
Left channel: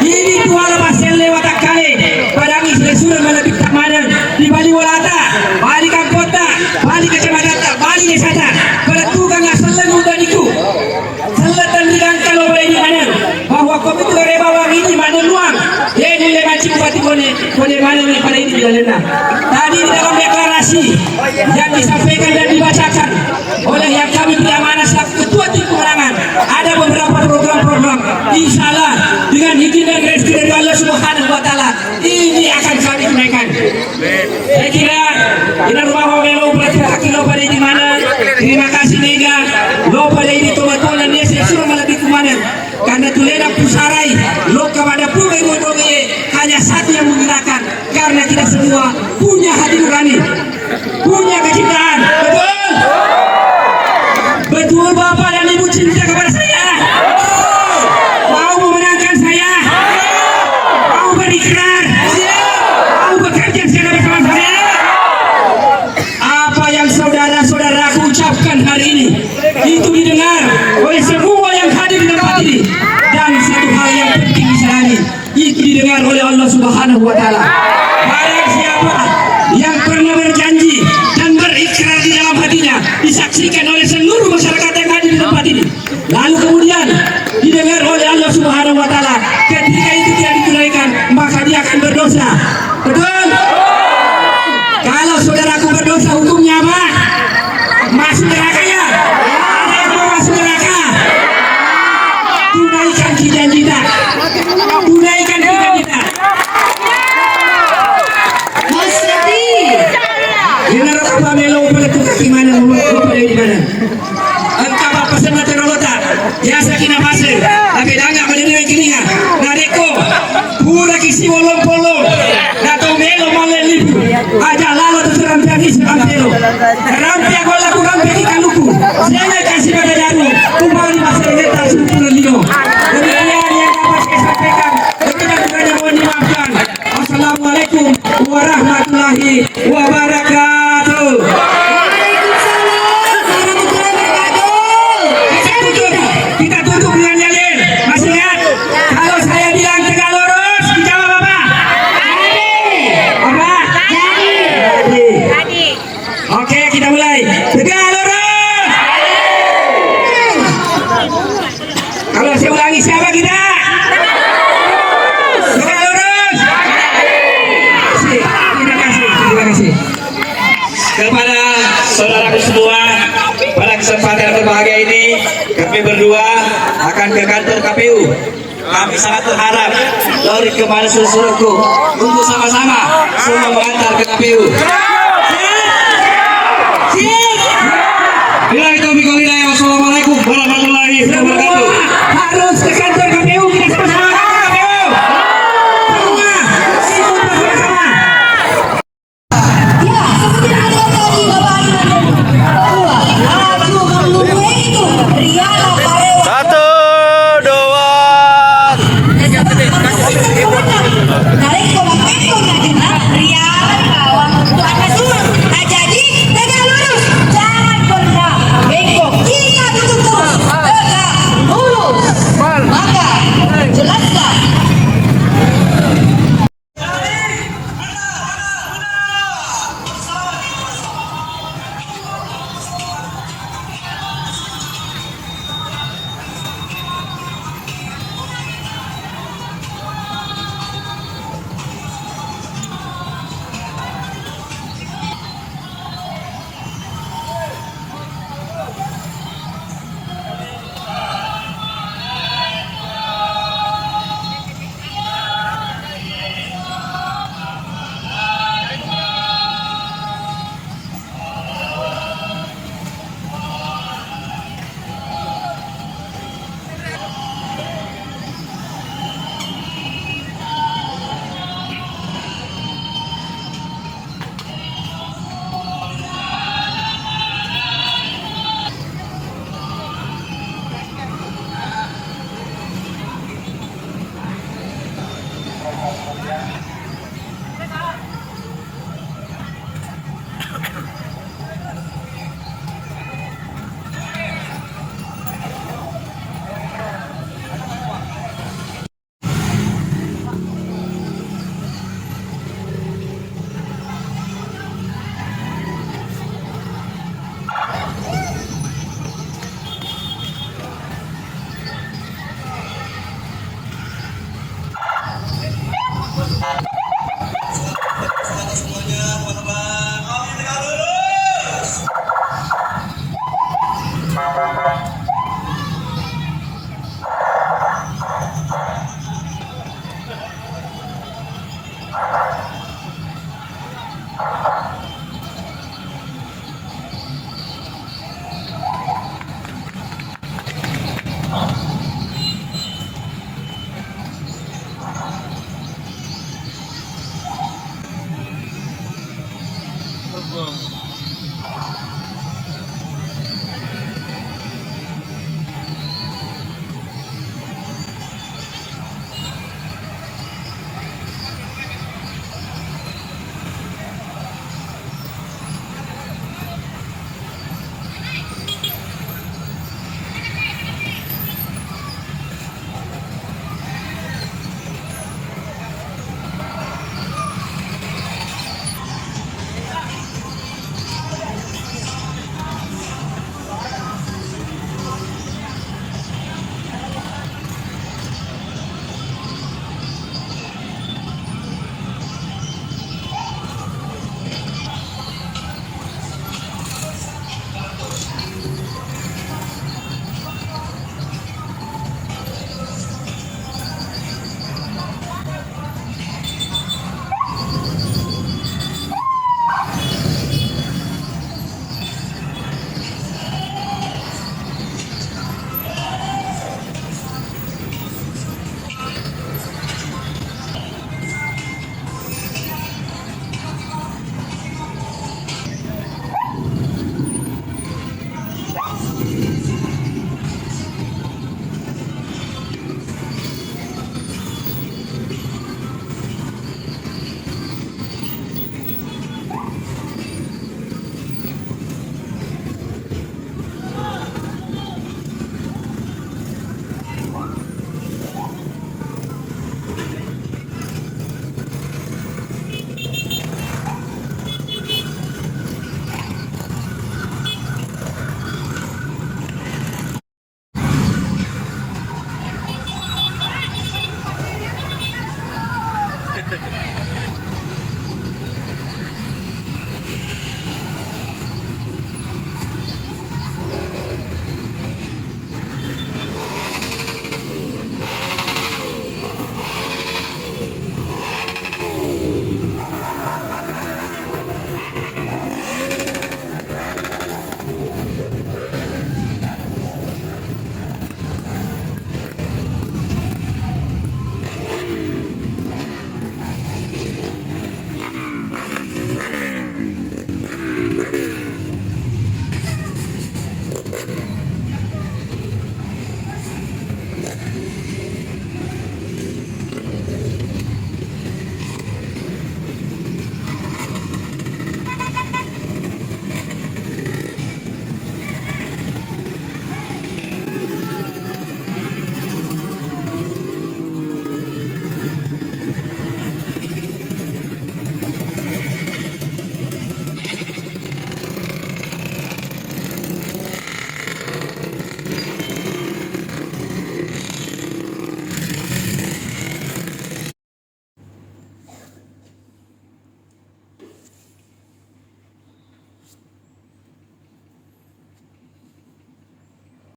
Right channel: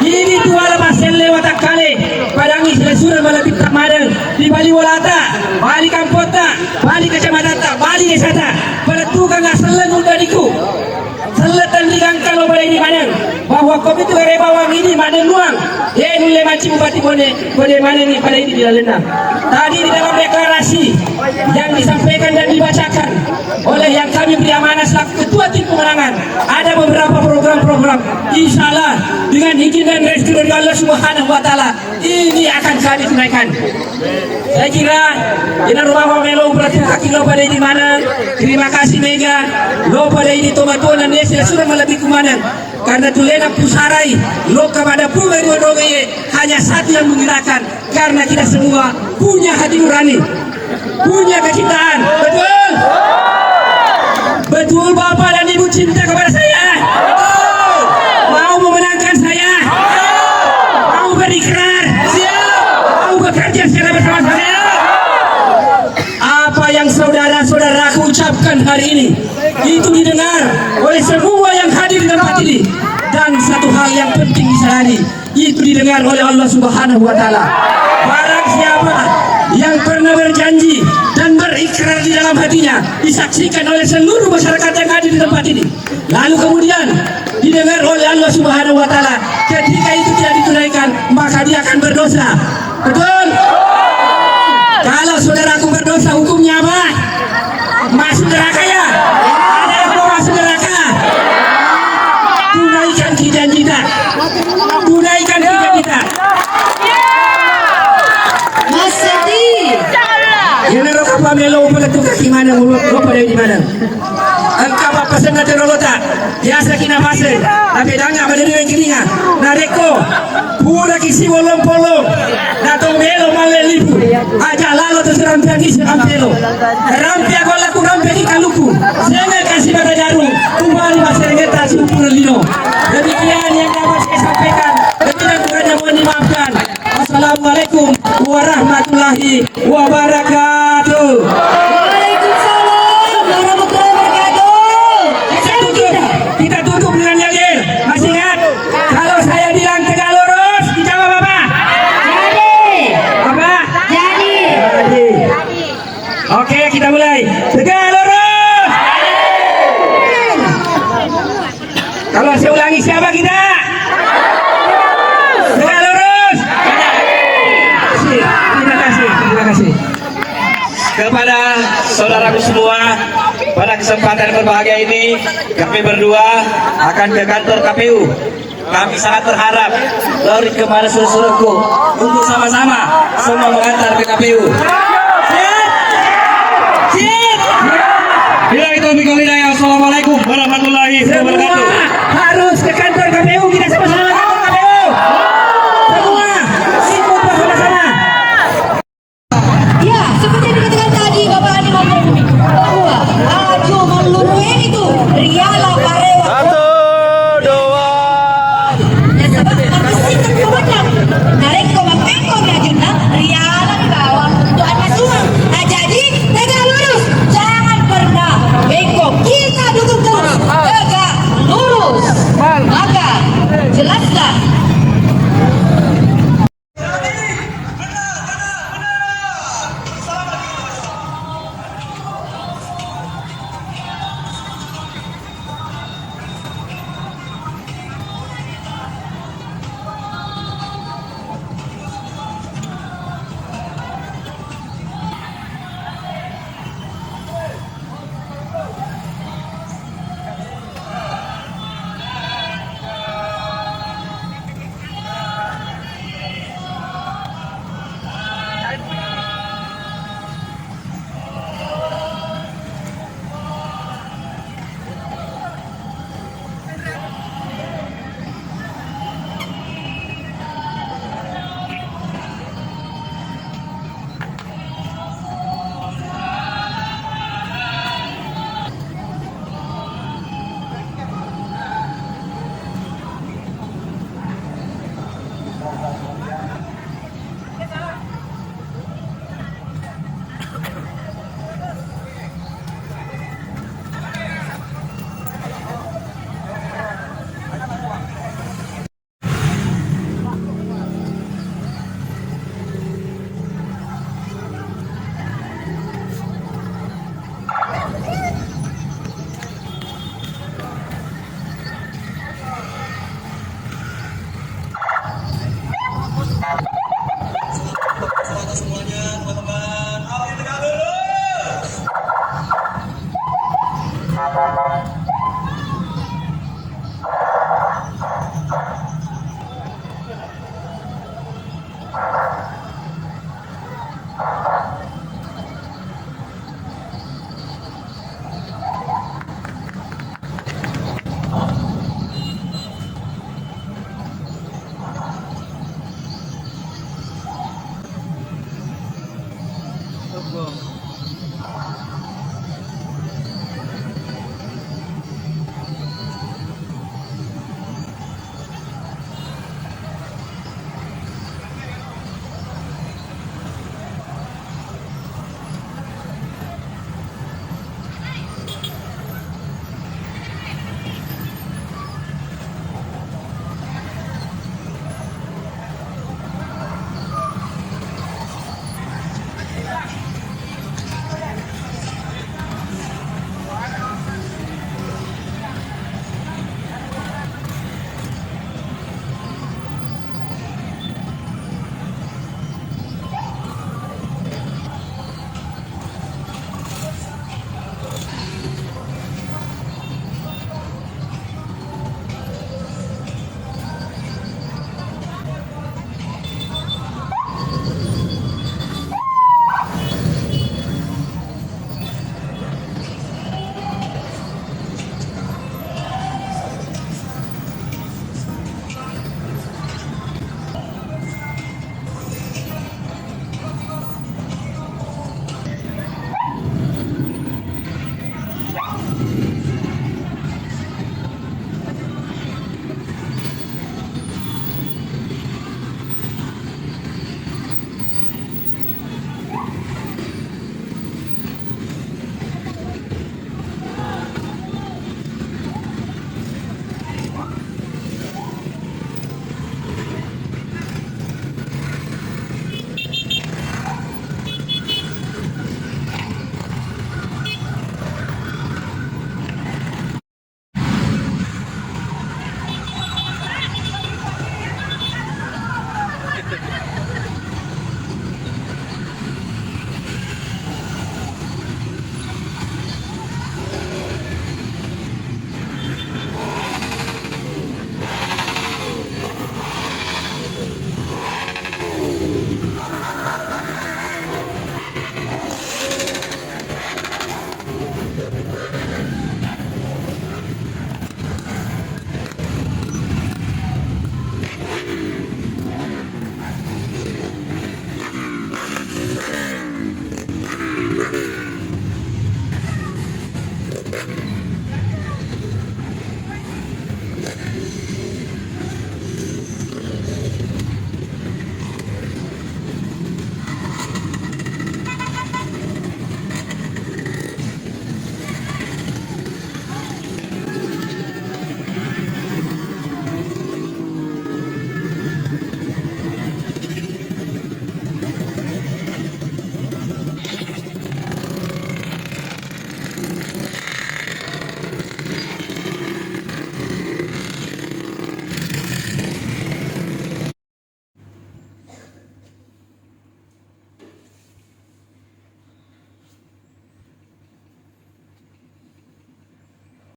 ini dua lepas lewat kali padang isle Surang Malebih Kumanan di Bali Walata, Bali Kampota, Bali Kecamatan, Bali Desa pada tukang selen udaniku selatan digangkal oleh ini mana bahwa komite rebawang ini mana luang nilai macam bupati boleh mana ini pada ini bila lena tadi di dalam deklarasi yang disampaikan dan dibacakan oleh yang kami beri amanah selaku ketua tim pemenangan ada beberapa program-program insyaallah dengan izin dan rezeki dari Allah Subhanahu wa taala ini akan kami tunaikan. Saya kira ini rumah melo berarti akilo pada ini mana. Terima kasih Mega lo pada ini Tomato dan Desa Surang Malebih Kumanan karena tulena pusarai lo kepada pura dua-duanya hanya satu yang menggerakkan karena kita semua punya hati nurani, punya kecintaan. Betul Bapak dan Ibu cinta kepada saya. Mau memenangkan saya? Mau berikrar? Mau bekerja secara bersama-sama? Apa yang saudara-saudaraku ucapkan hari ini itu didengar oleh semua yang hadir di tempat ini dan satu hal yang penting Subhanahu wa taala. Barang siapa yang pernah berjanji dan berikrar di dalam hatinya disaksikan oleh seluruh masyarakat yang hadir di tempat ini, lalu kemudian didengar oleh Allah Subhanahu wa taala, ketika itu tidak ditunaikan, maka dia akan berdosa. Betul? Kalau saudaraku berdosa, hukumnya apa? Masuk neraka ya? Ada yang mau masuk neraka? Tunaikan janji kita. Tunaikan janji kita. Mas Seti. Ini roh apa melo pula tu kaki mana roh pada di mana? Engkau apa pesan dari robota? Biasa kena pasir. Tapi dah enggak berdiri yang kelingan. Nareko. Pura kisi wolong polong. Nato melo malelibu. Aja lalu tu serampi habis serampelo. Rampi aku laku rampi di kaluku. Saya kasih bagai daru. Kembali pasir ngeta sempurna lino. Demikian yang dapat saya sampaikan. Dengan kurangnya mohon dimaafkan. Assalamualaikum warahmatullahi wabarakatuh. Waalaikumsalam warahmatullahi wabarakatuh. Kita tutup dengan yakin. Masih ingat? Kalau saya bilang tegak lurus, dijawab apa? Apa? Jadi. Oke, kita mulai. Tegak lurus. Kalau saya ulangi, siapa kita? Tegak lurus. Terima kasih. Terima kasih. Kepada saudaraku semua, pada kesempatan berbahagia ini kami berdua akan ke kantor KPU. Kami sangat berharap lori kemana seluruhku untuk sama-sama semua mengantar ke KPU. Bila itu mikul hidayah. Assalamualaikum warahmatullahi wabarakatuh. Harus ke kantor KPU, kita sama-sama ke KPU. Semua bersama-sama. Ya, seperti yang dikatakan tadi Bapak Haji bahwa Aju Mamlumuen itu riala parewa. 1, 2. Nareko mapeko na kita riala di bawah. Tuan